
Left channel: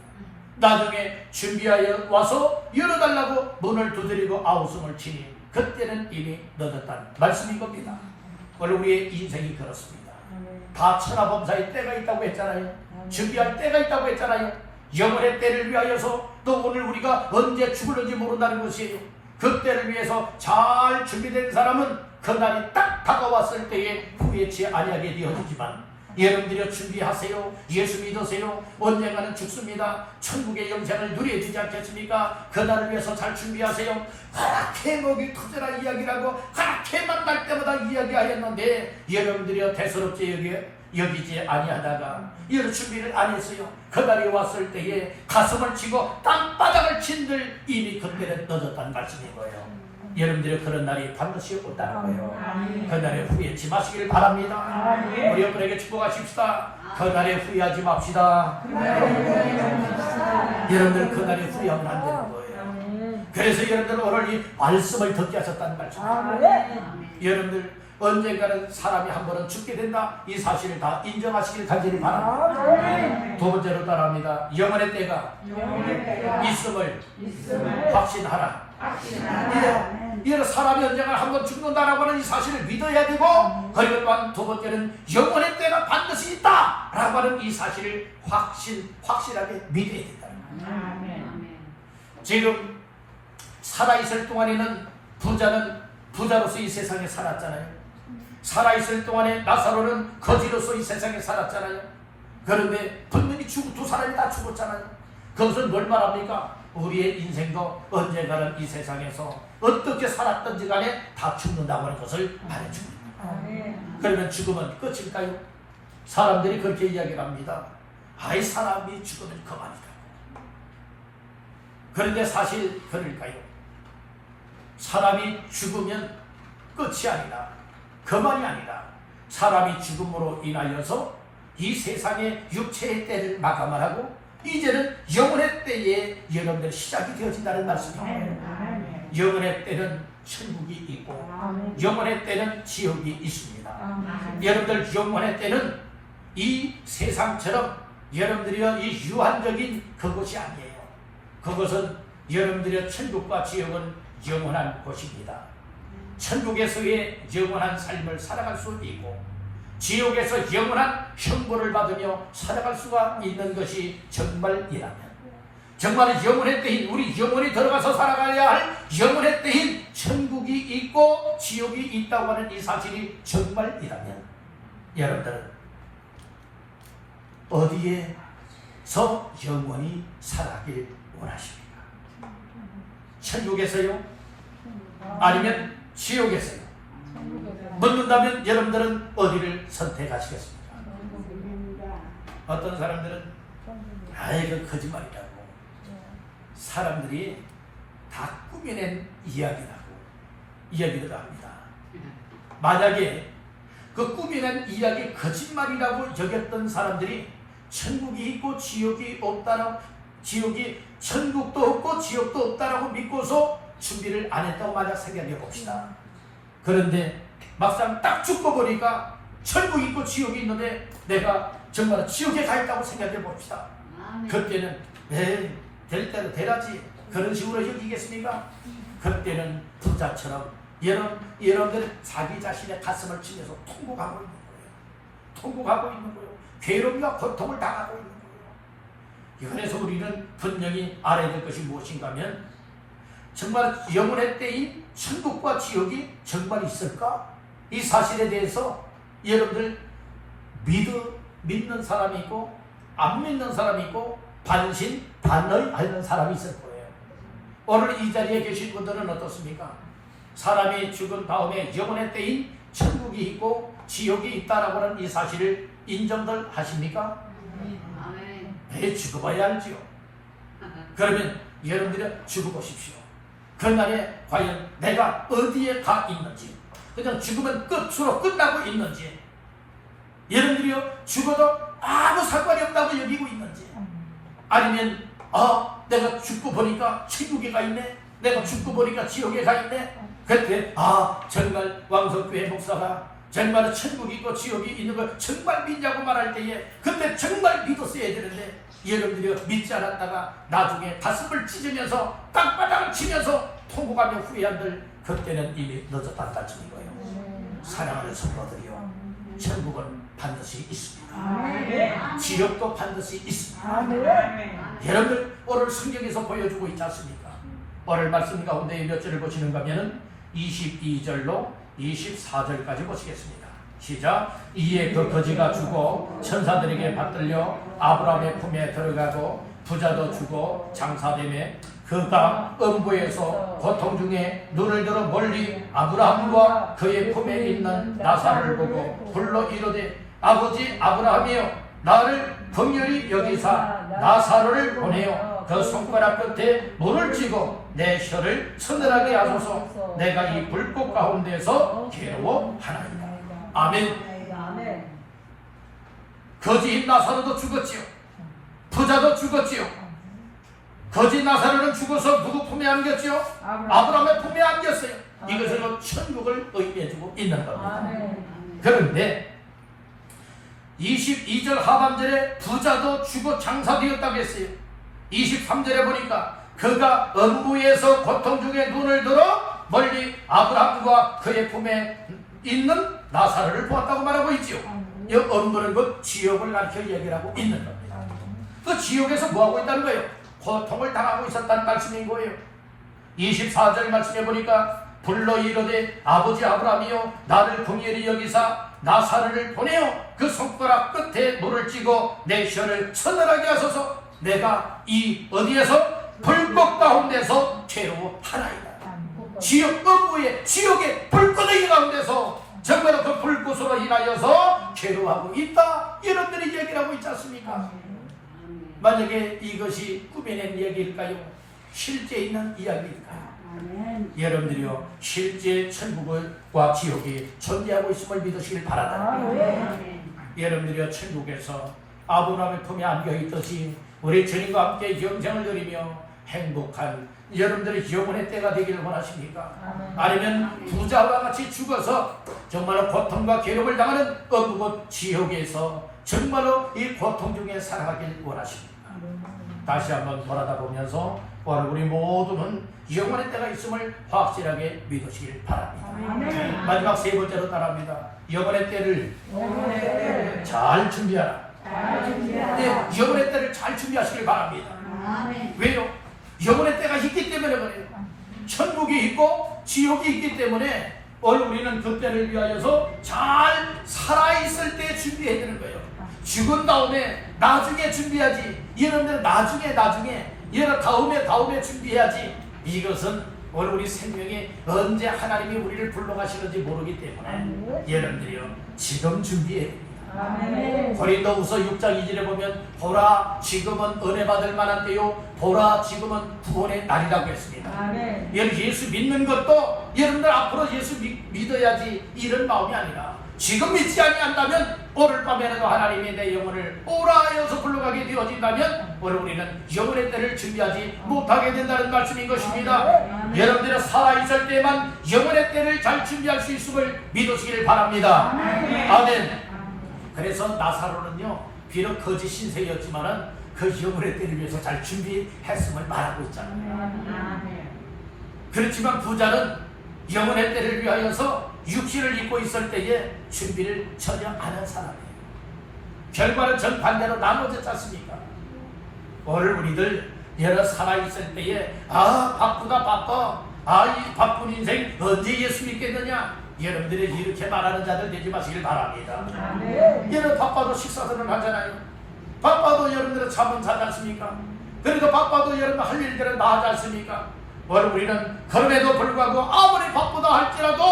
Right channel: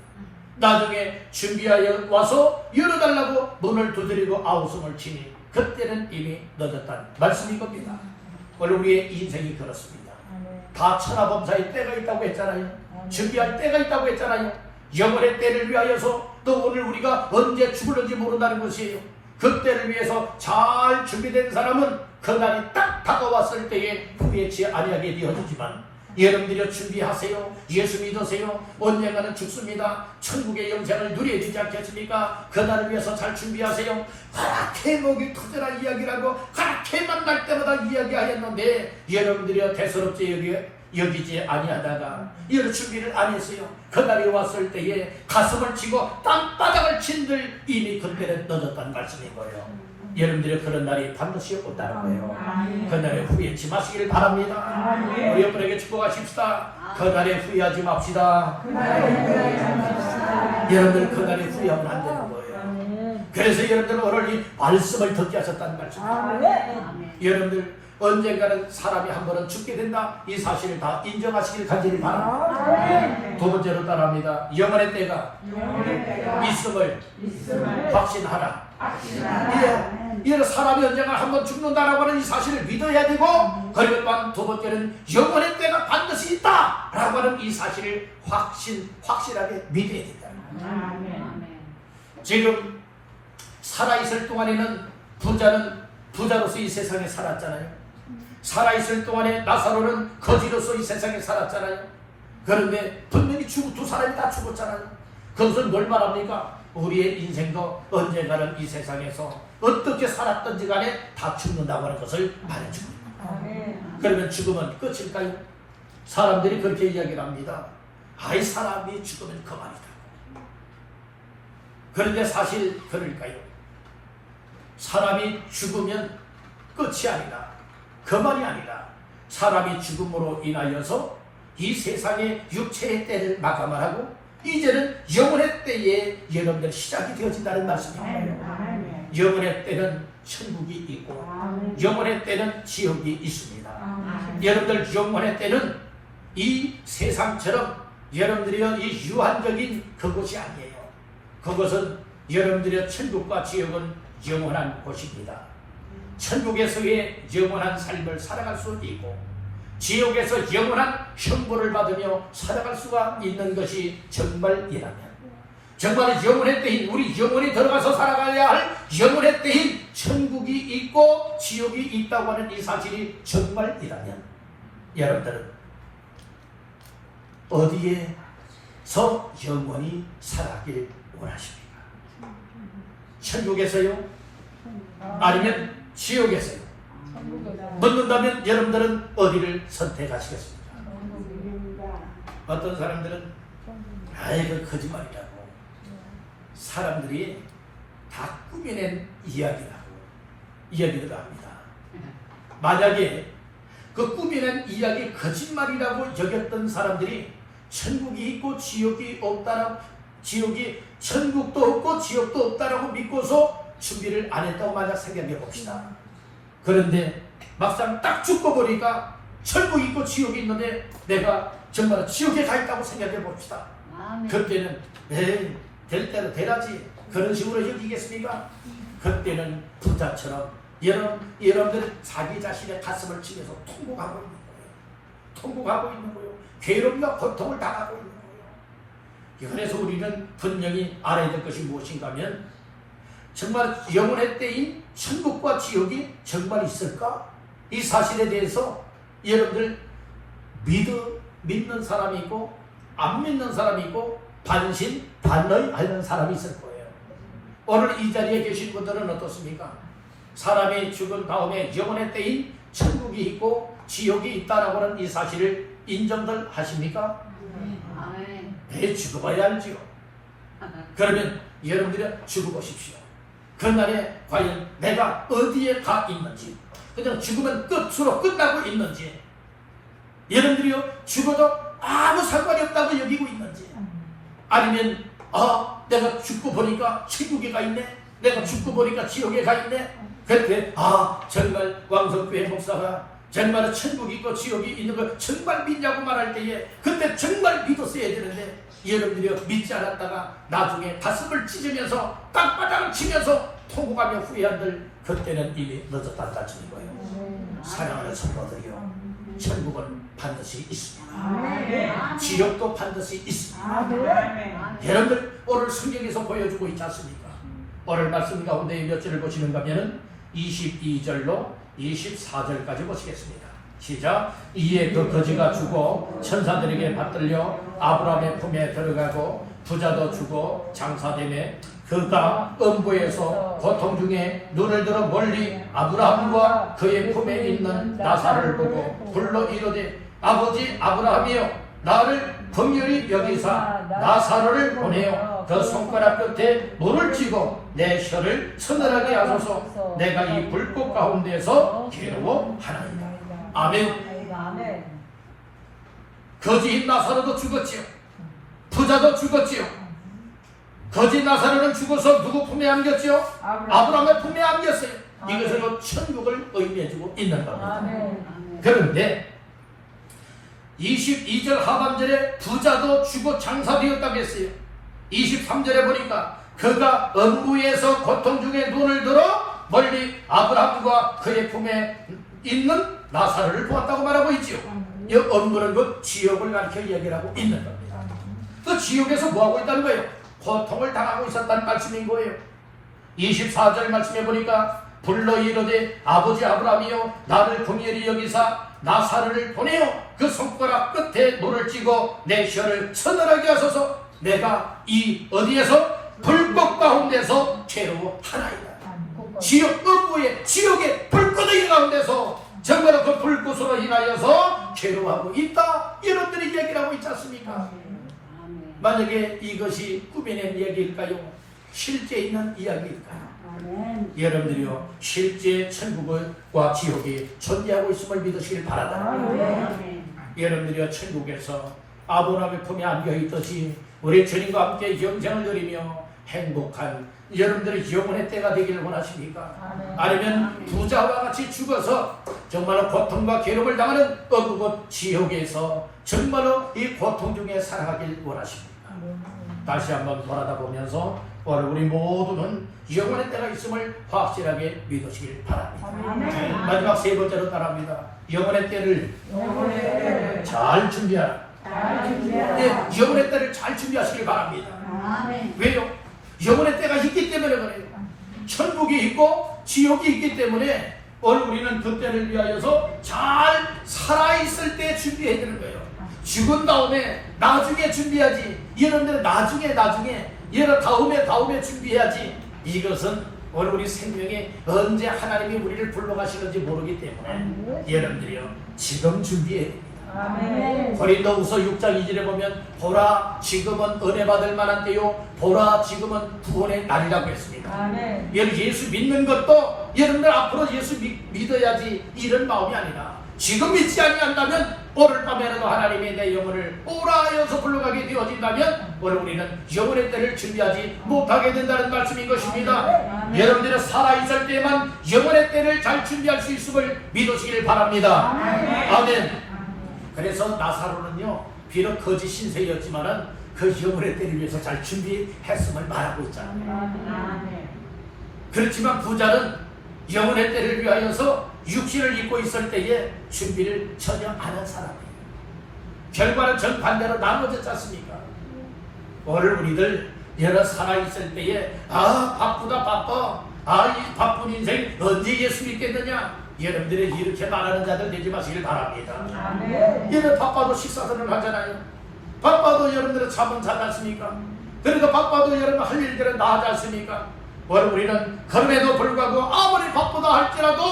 나중에 준비하여 와서 열어달라고 문을 두드리고 아우성을 치니 그때는 이미 늦었다는 말씀인 겁니다. 원래 우리의 인생이 그렇습니다. 다 천하범사의 때가 있다고 했잖아요. 준비할 때가 있다고 했잖아요. 영원의 때를 위하여서, 또 오늘 우리가 언제 죽을는지 모른다는 것이에요. 그 때를 위해서 잘 준비된 사람은 그 날이 딱 다가왔을 때에 후회치 아니하게 되어지지만, 여러분들이 준비하세요. 예수 믿으세요. 언젠가는 죽습니다. 천국의 영생을 누려야 되지 않겠습니까? 그날을 위해서 잘 준비하세요. 그렇게 목이 터져라 이야기라고 그렇게 만날 때마다 이야기하였는데 여러분들이 대수롭지 여기지 아니하다가 여러 준비를 안 했어요. 그날이 왔을 때에 가슴을 치고 땅바닥을 친들 이미 그때는 늦었다는 말씀인 거예요. 여러분들의 그런 날이 반드시 온다는 거예요. 그날에 후회치 마시길 바랍니다. 우리 여러분에게 축복하십시다. 그날에 후회하지 맙시다. 여러분들 그날에 후회하면 안 되는 거예요. 그래서 여러분들 오늘 이 말씀을 듣게 하셨다는 말씀입니다. 여러분들 언젠가는 사람이 한 번은 죽게 된다. 이 사실을 다 인정하시길 간절히 바랍니다. 두 번째로 따라합니다. 영원의 때가 있음을 확신하라. 이런 사람이 언젠가 한 번 죽는다라고 하는 이 사실을 믿어야 되고, 그리고 또한 두 번째는 영원의 때가 반드시 있다라고 하는 이 사실을 확실하게 믿어야 된다. 지금 살아있을 동안에는 부자로서 이 세상에 살았잖아요. 살아있을 동안에 나사로는 거지로서 이 세상에 살았잖아요. 그런데 분명히 두 사람이 다 죽었잖아요. 그것은 뭘 말합니까? 우리의 인생도 언젠가는 이 세상에서 어떻게 살았던지 간에 다 죽는다고 하는 것을 말해주고 있습니다. 그러면 죽으면 끝일까요? 사람들이 그렇게 이야기를 합니다. 아이, 사람이 죽으면 그만이다. 그런데 사실 그럴까요? 사람이 죽으면 끝이 아니다. 그만이 아니라 사람이 죽음으로 인하여서 이 세상의 육체의 때를 마감을 하고 이제는 영혼의 때에 여러분들 시작이 되어진다는 말씀입니다. 영혼의 때는 천국이 있고 영혼의 때는 지옥이 있습니다. 여러분들 영혼의 때는 이 세상처럼 여러분들이 이 유한적인 그것이 아니에요. 그것은 여러분들의 천국과 지옥은 영원한 곳입니다. 천국에서의 영원한 삶을 살아갈 수 있고 지옥에서 영원한 형벌을 받으며 살아갈 수가 있는 것이 정말이라면, 정말 영혼의 때인 우리 영혼이 들어가서 살아가야 할 영혼의 때인 천국이 있고 지옥이 있다고 하는 이 사실이 정말이라면 여러분들은 어디에서 영원히 살아가길 원하십니까? 천국에서요? 아니면 지옥에서요? 묻는다면 여러분들은 어디를 선택하시겠습니까? 어떤 사람들은 아이고 거짓말이라고 사람들이 다 꾸며낸 이야기를 합니다. 만약에 그 꾸며낸 이야기 거짓말이라고 여겼던 사람들이 천국이 있고 지옥이 없다라고, 천국도 없고 지옥도 없다라고 믿고서 준비를 안 했다고 만약 생각해 봅시다. 그런데 막상 딱 죽고 보니까 천국이 있고 지옥이 있는데 내가 정말 지옥에 가 있다고 생각해 봅시다. 그때는 될 대로 되라지 그런 식으로 여기겠습니까? 그때는 부자처럼 여러분들 자기 자신의 가슴을 치면서 통곡하고 있는 거예요. 괴롭과 고통을 당하고 있는 거예요. 그래서 우리는 분명히 알아야 될 것이 무엇인가 하면, 정말 영혼의 때인 천국과 지옥이 정말 있을까? 이 사실에 대해서 여러분들 믿는 사람이 있고 안 믿는 사람이 있고 반의하는 사람이 있을 거예요. 오늘 이 자리에 계신 분들은 어떻습니까? 사람이 죽은 다음에 영혼의 때인 천국이 있고 지옥이 있다라고 하는 이 사실을 인정들 하십니까? 죽어봐야 알지요. 그러면 여러분들이 죽어보십시오. 그날에 과연 내가 어디에 가 있는지, 그냥 죽으면 끝으로 끝나고 있는지, 여러분들이요 죽어도 아무 상관이 없다고 여기고 있는지, 아니면 내가 죽고 보니까 천국에 가 있네, 내가 죽고 보니까 지옥에 가 있네, 그때 정말 왕석교회 목사가 정말 천국이 있고 지옥이 있는 걸 정말 믿냐고 말할 때에 그때 정말 믿었어야 되는데, 여러분들이 믿지 않았다가 나중에 가슴을 찢으면서 땅바닥을 치면서 통곡하며 후회한들, 그때는 이미 늦었다는 말씀인 거예요. 사랑하는 성도들이요, 천국은 반드시 있습니다. 지옥도 반드시 있습니다. 여러분들 오늘 성경에서 보여주고 있지 않습니까? 오늘 말씀 가운데 몇 절을 보시는가 하면 22절로 24절까지 보시겠습니다. 시작. 이에 그 거지가 죽어 천사들에게 받들려 아브라함의 품에 들어가고 부자도 죽어 장사되매 그가 음부에서 고통 중에 눈을 들어 멀리 아브라함과 그의 품에 있는 나사를 보고 불러 이르되 아버지 아브라함이여 나를 긍휼히 여기사 나사로를 보내어 그 손가락 끝에 물을 쥐고 내 혀를 서늘하게 하소서. 내가 이 불꽃 가운데서 괴로워하나이다. 아멘. 거지인 나사로도 죽었지요. 부자도 죽었지요. 거지 나사로는 죽어서 누구 품에 안겼지요? 아브라함의 품에 안겼어요. 이것은 천국을 의미해주고 있는 겁니다. 그런데 22절 하반절에 부자도 죽어 장사되었다고 했어요. 23절에 보니까 그가 음부에서 고통 중에 눈을 들어 멀리 아브라함과 그의 품에 있는 나사로를 보았다고 말하고 있지요. 이 음부는 그 지옥을 가르쳐 얘기하고 있는 겁니다. 그 지옥에서 뭐하고 있다는 거예요? 고통을 당하고 있었다는 말씀인 거예요. 24절 말씀해 보니까 불러 이르되 아버지 아브라함이여 나를 긍휼히 여기사 나사로를 보내어 그 손가락 끝에 물을 쥐고 내 혀를 서늘하게 하소서. 내가 이 어디에서 불꽃 가운데서 괴로워하나이다. 지옥 음부의 지옥의 불꽃의 가운데서 정말로 그 불꽃으로 인하여서 괴로워하고 있다. 이런들이 얘기를 하고 있지 않습니까? 만약에 이것이 꾸며낸 이야기일까요? 실제 있는 이야기일까요? 여러분들이요 실제 천국과 지옥이 존재하고 있음을 믿으시길 바라다. 여러분들이요 천국에서 아브라함의 품에 안겨있듯이 우리 주님과 함께 영생을 누리며 행복한 여러분들의 영혼의 때가 되기를 원하십니까? 아니면 부자와 같이 죽어서 정말로 고통과 괴로움을 당하는 어그곳 지옥에서 정말로 이 고통 중에 살아가길 원하십니까? 다시 한번 돌아다 보면서 오늘 우리 모두는 영혼의 때가 있음을 확실하게 믿으시길 바랍니다. 마지막 세 번째로 따라합니다. 영혼의 때를 잘 준비하라. 네, 영혼의 때를 잘 준비하시길 바랍니다. 왜요? 영혼의 때가 있기 때문에 그래요. 천국이 있고 지옥이 있기 때문에 오늘 우리는 그 때를 위하여서 잘 살아있을 때 준비해야 되는 거예요. 죽은 다음에 나중에 준비하지. 여러분들은 나중에 여러 다음에 준비해야지. 이것은 오늘 우리 생명에 언제 하나님이 우리를 불러가시는지 모르기 때문에 여러분들이요 지금 준비해야 됩니다. 고린도후서 6장 2절에 보면 보라 지금은 은혜 받을 만한 때요 보라 지금은 구원의 날이라고 했습니다. 여러분 예수 믿는 것도 여러분들 앞으로 예수 믿어야지 이런 마음이 아니라 지금 믿지 아니한다면 오늘 밤에라도 하나님이 내 영혼을 오라 하여서 불러가게 되어진다면 오늘 우리는 영혼의 때를 준비하지 못하게 된다는 말씀인 것입니다. 여러분들은 살아있을 때만 영혼의 때를 잘 준비할 수 있음을 믿으시길 바랍니다. 아멘. 그래서 나사로는요 비록 거짓 신세였지만은 그 영혼의 때를 위해서 잘 준비했음을 말하고 있잖아요. 그렇지만 부자는 영혼의 때를 위하여서 육신을 입고 있을 때에 준비를 전혀 안 한 사람이에요. 결과는 정반대로 나눠졌지 않습니까? 오늘 우리들 여러 살아있을 때에 바쁘다 바빠 이 바쁜 인생 언제 예수 믿겠느냐 여러분들이 이렇게 말하는 자들 되지 마시길 바랍니다. 여러분 바빠도 식사들을 하잖아요. 바빠도 여러분들은 잠은 자지 않습니까? 그래도 바빠도 여러분 할 일들은 다 하지 않습니까? 오늘 우리는 그럼에도 불구하고 아무리 바쁘다 할지라도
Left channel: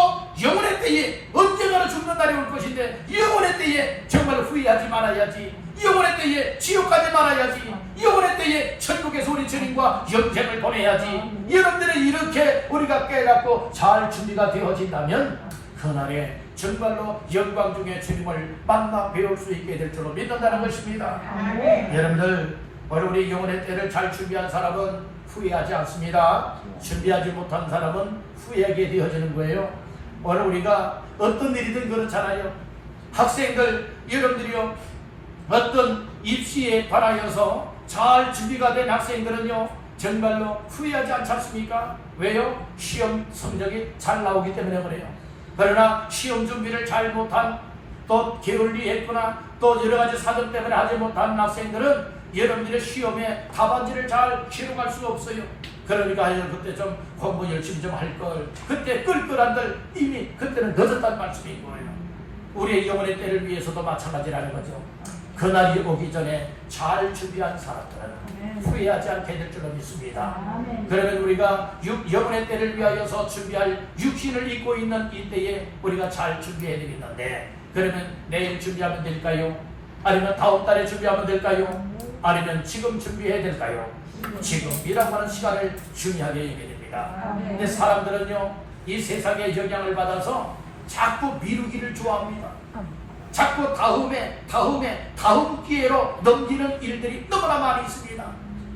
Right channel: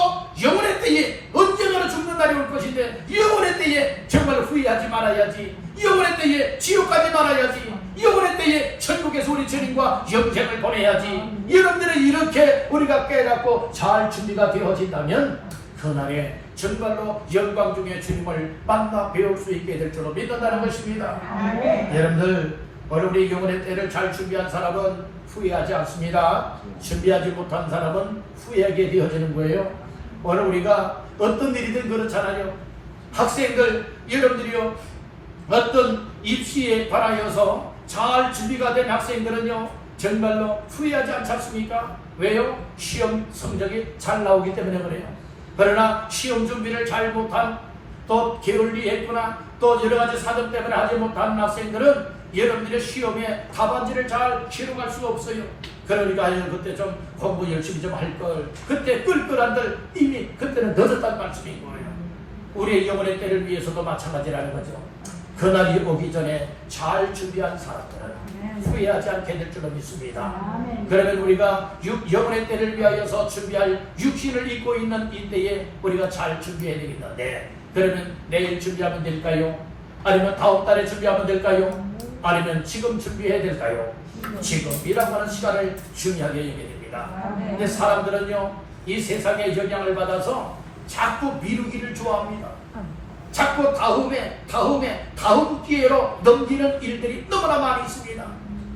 영혼의 때에 언젠가는 죽는 날이 올 것인데 영혼의 때에 정말 후회하지 말아야지. 영혼의 때에 지옥 가지 말아야지. 영혼의 때에 천국에서 우리 주님과 영생을 보내야지. 여러분들은 이렇게 우리가 깨닫고 잘 준비가 되어진다면 그날에 정말로 영광 중에 주님을 만나 배울 수 있게 될 줄로 믿는다는 것입니다. 여러분들 오늘 우리 영혼의 때를 잘 준비한 사람은 후회하지 않습니다. 준비하지 못한 사람은 후회하게 되어지는 거예요. 오늘 우리가 어떤 일이든 그렇잖아요. 학생들 여러분들이요 어떤 입시에 관하여서 잘 준비가 된 학생들은요 정말로 후회하지 않지 않습니까? 왜요? 시험 성적이 잘 나오기 때문에 그래요. 그러나 시험 준비를 잘 못한 또 게을리했거나 또 여러가지 사정 때문에 하지 못한 학생들은 여러분들의 시험에 답안지를 잘 기록할 수가 없어요. 그러니까 그때 좀 공부 열심히 좀 할 걸. 그때 끌끌한들 이미 그때는 늦었다는 말씀인 거예요. 우리의 영혼의 때를 위해서도 마찬가지라는 거죠. 그날이 오기 전에 잘 준비한 사람들은 후회하지 않게 될 줄로 믿습니다. 그러면 우리가 영혼의 때를 위하여서 준비할 육신을 입고 있는 이때에 우리가 잘 준비해야 되겠는데, 그러면 내일 준비하면 될까요? 아니면 다음 달에 준비하면 될까요? 아니면 지금 준비해야 될까요? 지금이라고 하는 시간을 중요하게 여겨야 됩니다. 근데 사람들은요, 이 세상의 영향을 받아서 자꾸 미루기를 좋아합니다. 자꾸 다음 기회로 넘기는 일들이 너무나 많이 있습니다.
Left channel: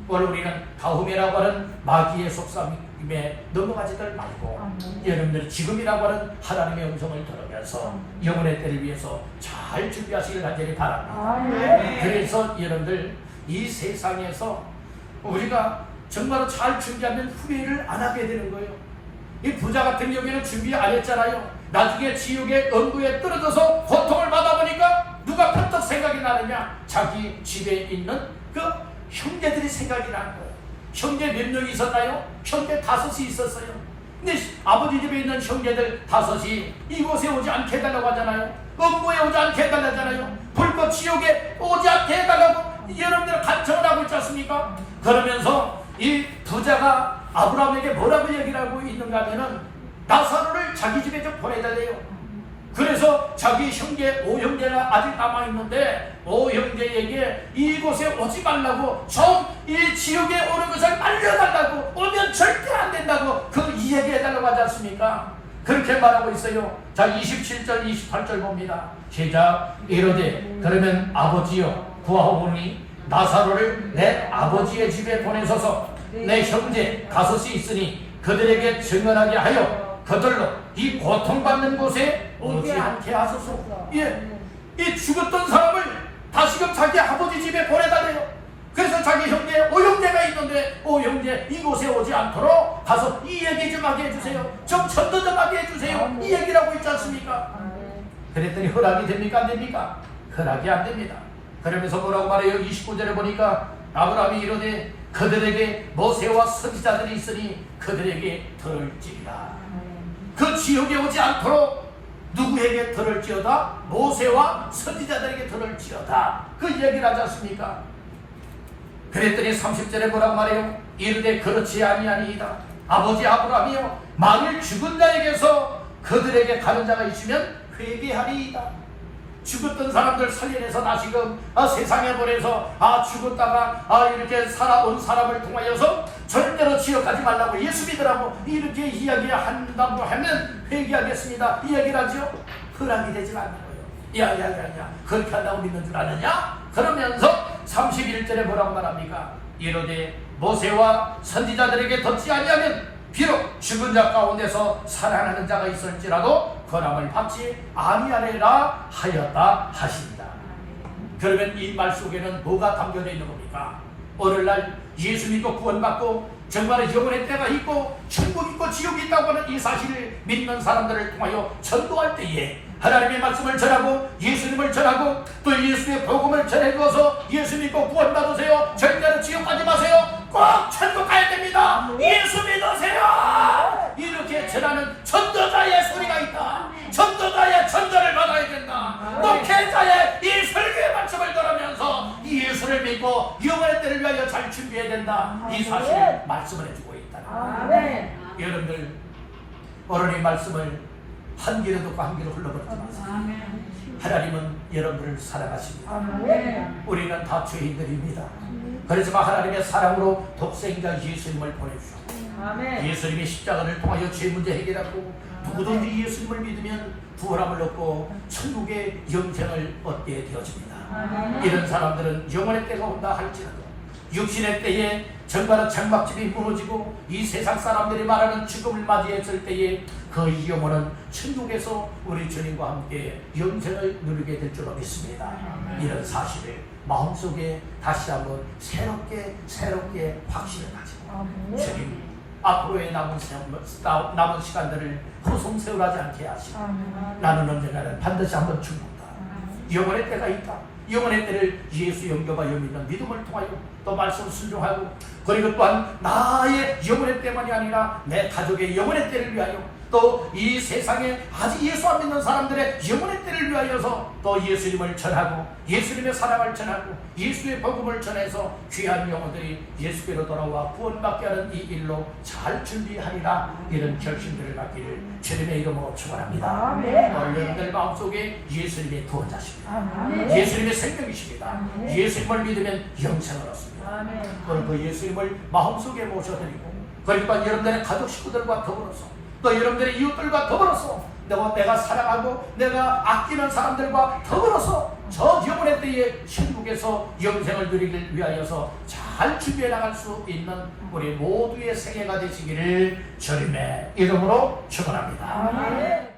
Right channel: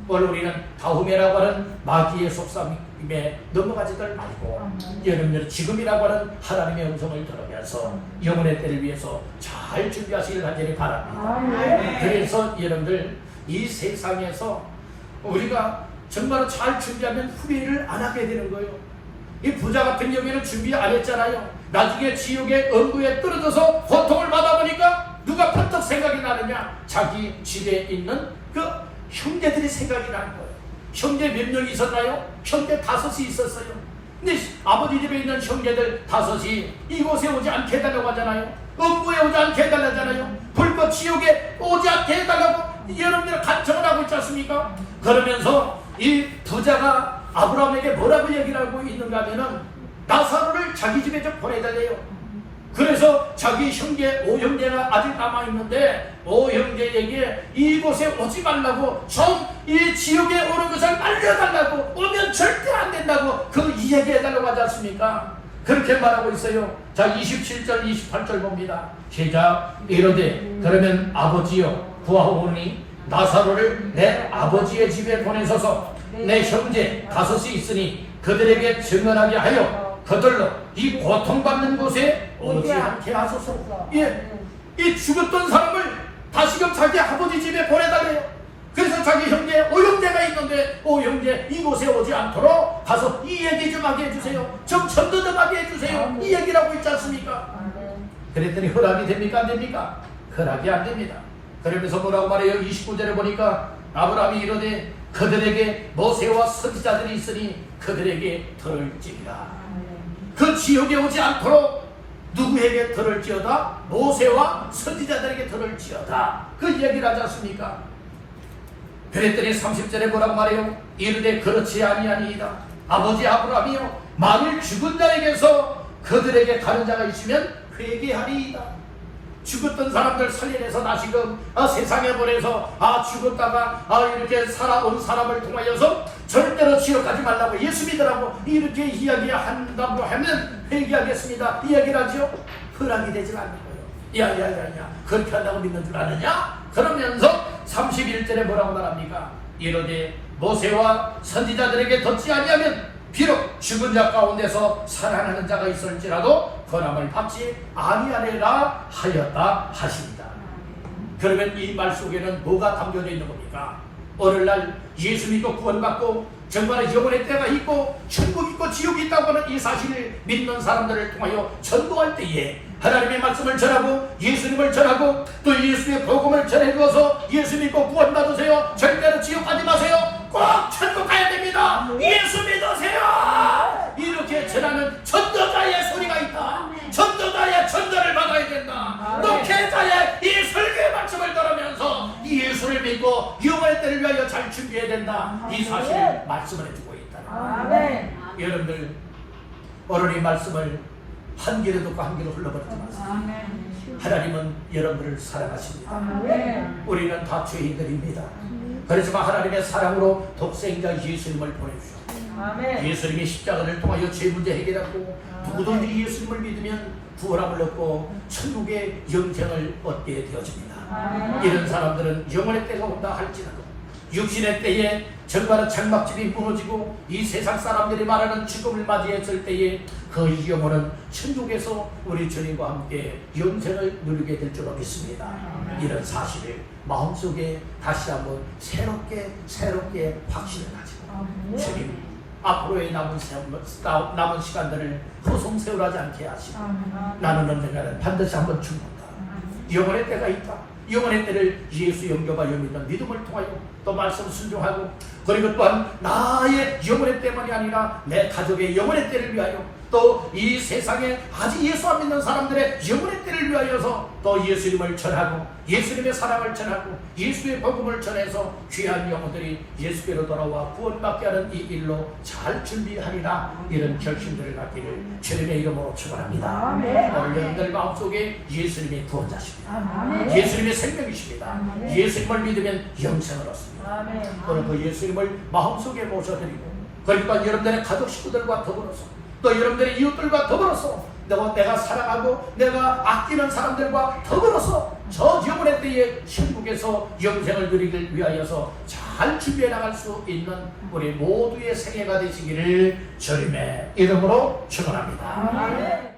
오늘 우리는 다음에라고 하는 마귀의 속삭임에 넘어가지들 말고 여러분들 지금이라고 하는 하나님의 음성을 들으면서 영혼의 때를 위해서 잘 준비하시길 간절히 바랍니다. 그래서 여러분들 이 세상에서 우리가 정말 잘 준비하면 후회를 안 하게 되는 거예요. 이 부자 같은 경우에는 준비 안 했잖아요. 나중에 지옥의 엄구에 떨어져서 고통을 받아보니까 누가 번뜩 생각이 나느냐? 자기 집에 있는 그 형제들이 생각이 나는 거예요. 형제 몇 명이 있었나요? 형제 5이 있었어요. 근데 아버지 집에 있는 형제들 5이 이곳에 오지 않게 해달라고 하잖아요. 엄구에 오지 않게 해달라잖아요. 불꽃 지옥에 오지 않게 해달라고 여러분들 간청을 하고 있지 않습니까? 그러면서 이 부자가 아브라함에게 뭐라고 얘기를 하고 있는가 하면은 나사로를 자기 집에 좀 보내달래요. 그래서 자기 형제 5형제가 아직 남아있는데 5형제에게 이곳에 오지 말라고 좀 이 지옥에 오는 것을 알려달라고, 오면 절대 안 된다고 그 이야기해달라고 하지 않습니까? 그렇게 말하고 있어요. 자, 27절 28절 봅니다. 시작. 이르되 그러면 아버지여 구하오니 나사로를 내 아버지의 집에 보내소서. 내 형제 5이 있으니 그들에게 증언하게 하여 그들로 이 고통받는 곳에 오지 않게 하소서. 이 죽었던 사람을 다시금 자기 아버지 집에 보내달래요. 그래서 자기 형제 5형제가 있는데 5형제 이곳에 오지 않도록 가서 이 얘기 좀 하게 해주세요. 좀 전도 좀 하게 해주세요. 이 얘기라고 있지 않습니까? 그랬더니 허락이 됩니까? 안 됩니까? 허락이 안 됩니다. 그러면서 뭐라고 말해요? 29절에 보니까 아브라함이 이르되 그들에게 모세와 선지자들이 있으니 그들에게 들을지니라. 그 지옥에 오지 않도록 누구에게 들을지어다? 모세와 선지자들에게 들을지어다. 그 얘기를 하지 않습니까? 그랬더니 30절에 뭐라고 말해요? 이르되 그렇지 아니하니이다. 아버지 아브라함이요 만일 죽은 자에게서 그들에게 가는 자가 있으면 회개하리이다. 죽었던 사람들 살려내서 다시금 세상에 보내서 죽었다가 이렇게 살아온 사람을 통하여서 절대로 지옥 가지 말라고 예수 믿으라고 이렇게 이야기한다고 하면 회개하겠습니다. 이야기를 하죠. 허락이 되지 않는 거예요. 야야야야 그렇게 한다고 믿는 줄 아느냐? 그러면서 31절에 뭐라고 말합니까? 이르되 모세와 선지자들에게 듣지 아니하면 비록 죽은 자 가운데서 살아나는 자가 있을지라도 권함을 받지 아니하리라 하였다 하십니다. 그러면 이 말 속에는 뭐가 담겨져 있는 겁니까? 오늘날 예수 믿고 구원받고 정말 영혼의 때가 있고 천국 있고 지옥이 있다고 하는 이 사실을 믿는 사람들을 통하여 전도할 때에 하나님의 말씀을 전하고 예수님을 전하고 또 예수의 복음을 전해주어서 예수 믿고 구원받으세요. 절대로 지옥 가지 마세요. 꼭 천국 가야 됩니다. 예수 믿으세요. 이렇게 전하는 전도자의 소리가 있다. 전도자의 전도를 받아야 된다. 목회자의 이 설교의 말씀을 들으면서 이 예수를 믿고 영혼의 때를 위하여 잘 준비해야 된다. 이 사실을 말씀을 해주고 있다. 여러분들 오늘 이 말씀을 한 귀로 듣고 한 귀로 흘러버리지 마세요. 하나님은 여러분을 사랑하십니다. 우리는 다 죄인들입니다. 그렇지만 하나님의 사랑으로 독생자 예수님을 보내주셨고 예수님의 십자가를 통하여 죄 문제 해결하고 누구든지 예수님을 믿으면 구원함을 얻고 천국의 영생을 얻게 되어집니다. 이런 사람들은 영혼의 때가 온다 할지라도 육신의 때에 정말 장막집이 무너지고 이 세상 사람들이 말하는 죽음을 맞이했을 때에 그 영혼은 천국에서 우리 주님과 함께 영생을 누리게 될 줄로 믿습니다. 이런 사실을 마음속에 다시 한번 새롭게 확신을 가지고 주님 앞으로의 남은 시간들을 허송세월하지 않게 하시고 나는 언젠가는 반드시 한번 죽는다. 영혼의 때가 있다. 영혼의 때를 예수 영접하여 믿는 믿음을 통하여 또 말씀 순종하고 그리고 또한 나의 영혼의 때만이 아니라 내 가족의 영혼의 때를 위하여, 또 이 세상에 아직 예수 안 믿는 사람들의 영혼의 때를 위하여서 또 예수님을 전하고 예수님의 사랑을 전하고 예수의 복음을 전해서 귀한 영혼들이 예수께로 돌아와 구원받게 하는 이 일로 잘 준비하리라, 이런 결심들을 갖기를 주님의 이름으로 축원합니다. 오늘 여러분들 마음속에 예수님이 구원자십니다. 예수님의 생명이십니다. 예수님을 믿으면 영생을 얻습니다. 오늘 그 예수님을 마음속에 모셔드리고, 그러니까 여러분들의 가족 식구들과 더불어서, 또 여러분들의 이웃들과 더불어서, 내가 사랑하고 내가 아끼는 사람들과 더불어서 저 영혼의 때에 천국에서 영생을 누리길 위하여서 잘 준비해 나갈 수 있는 우리 모두의 생애가 되시기를 주님의 이름으로 축원합니다.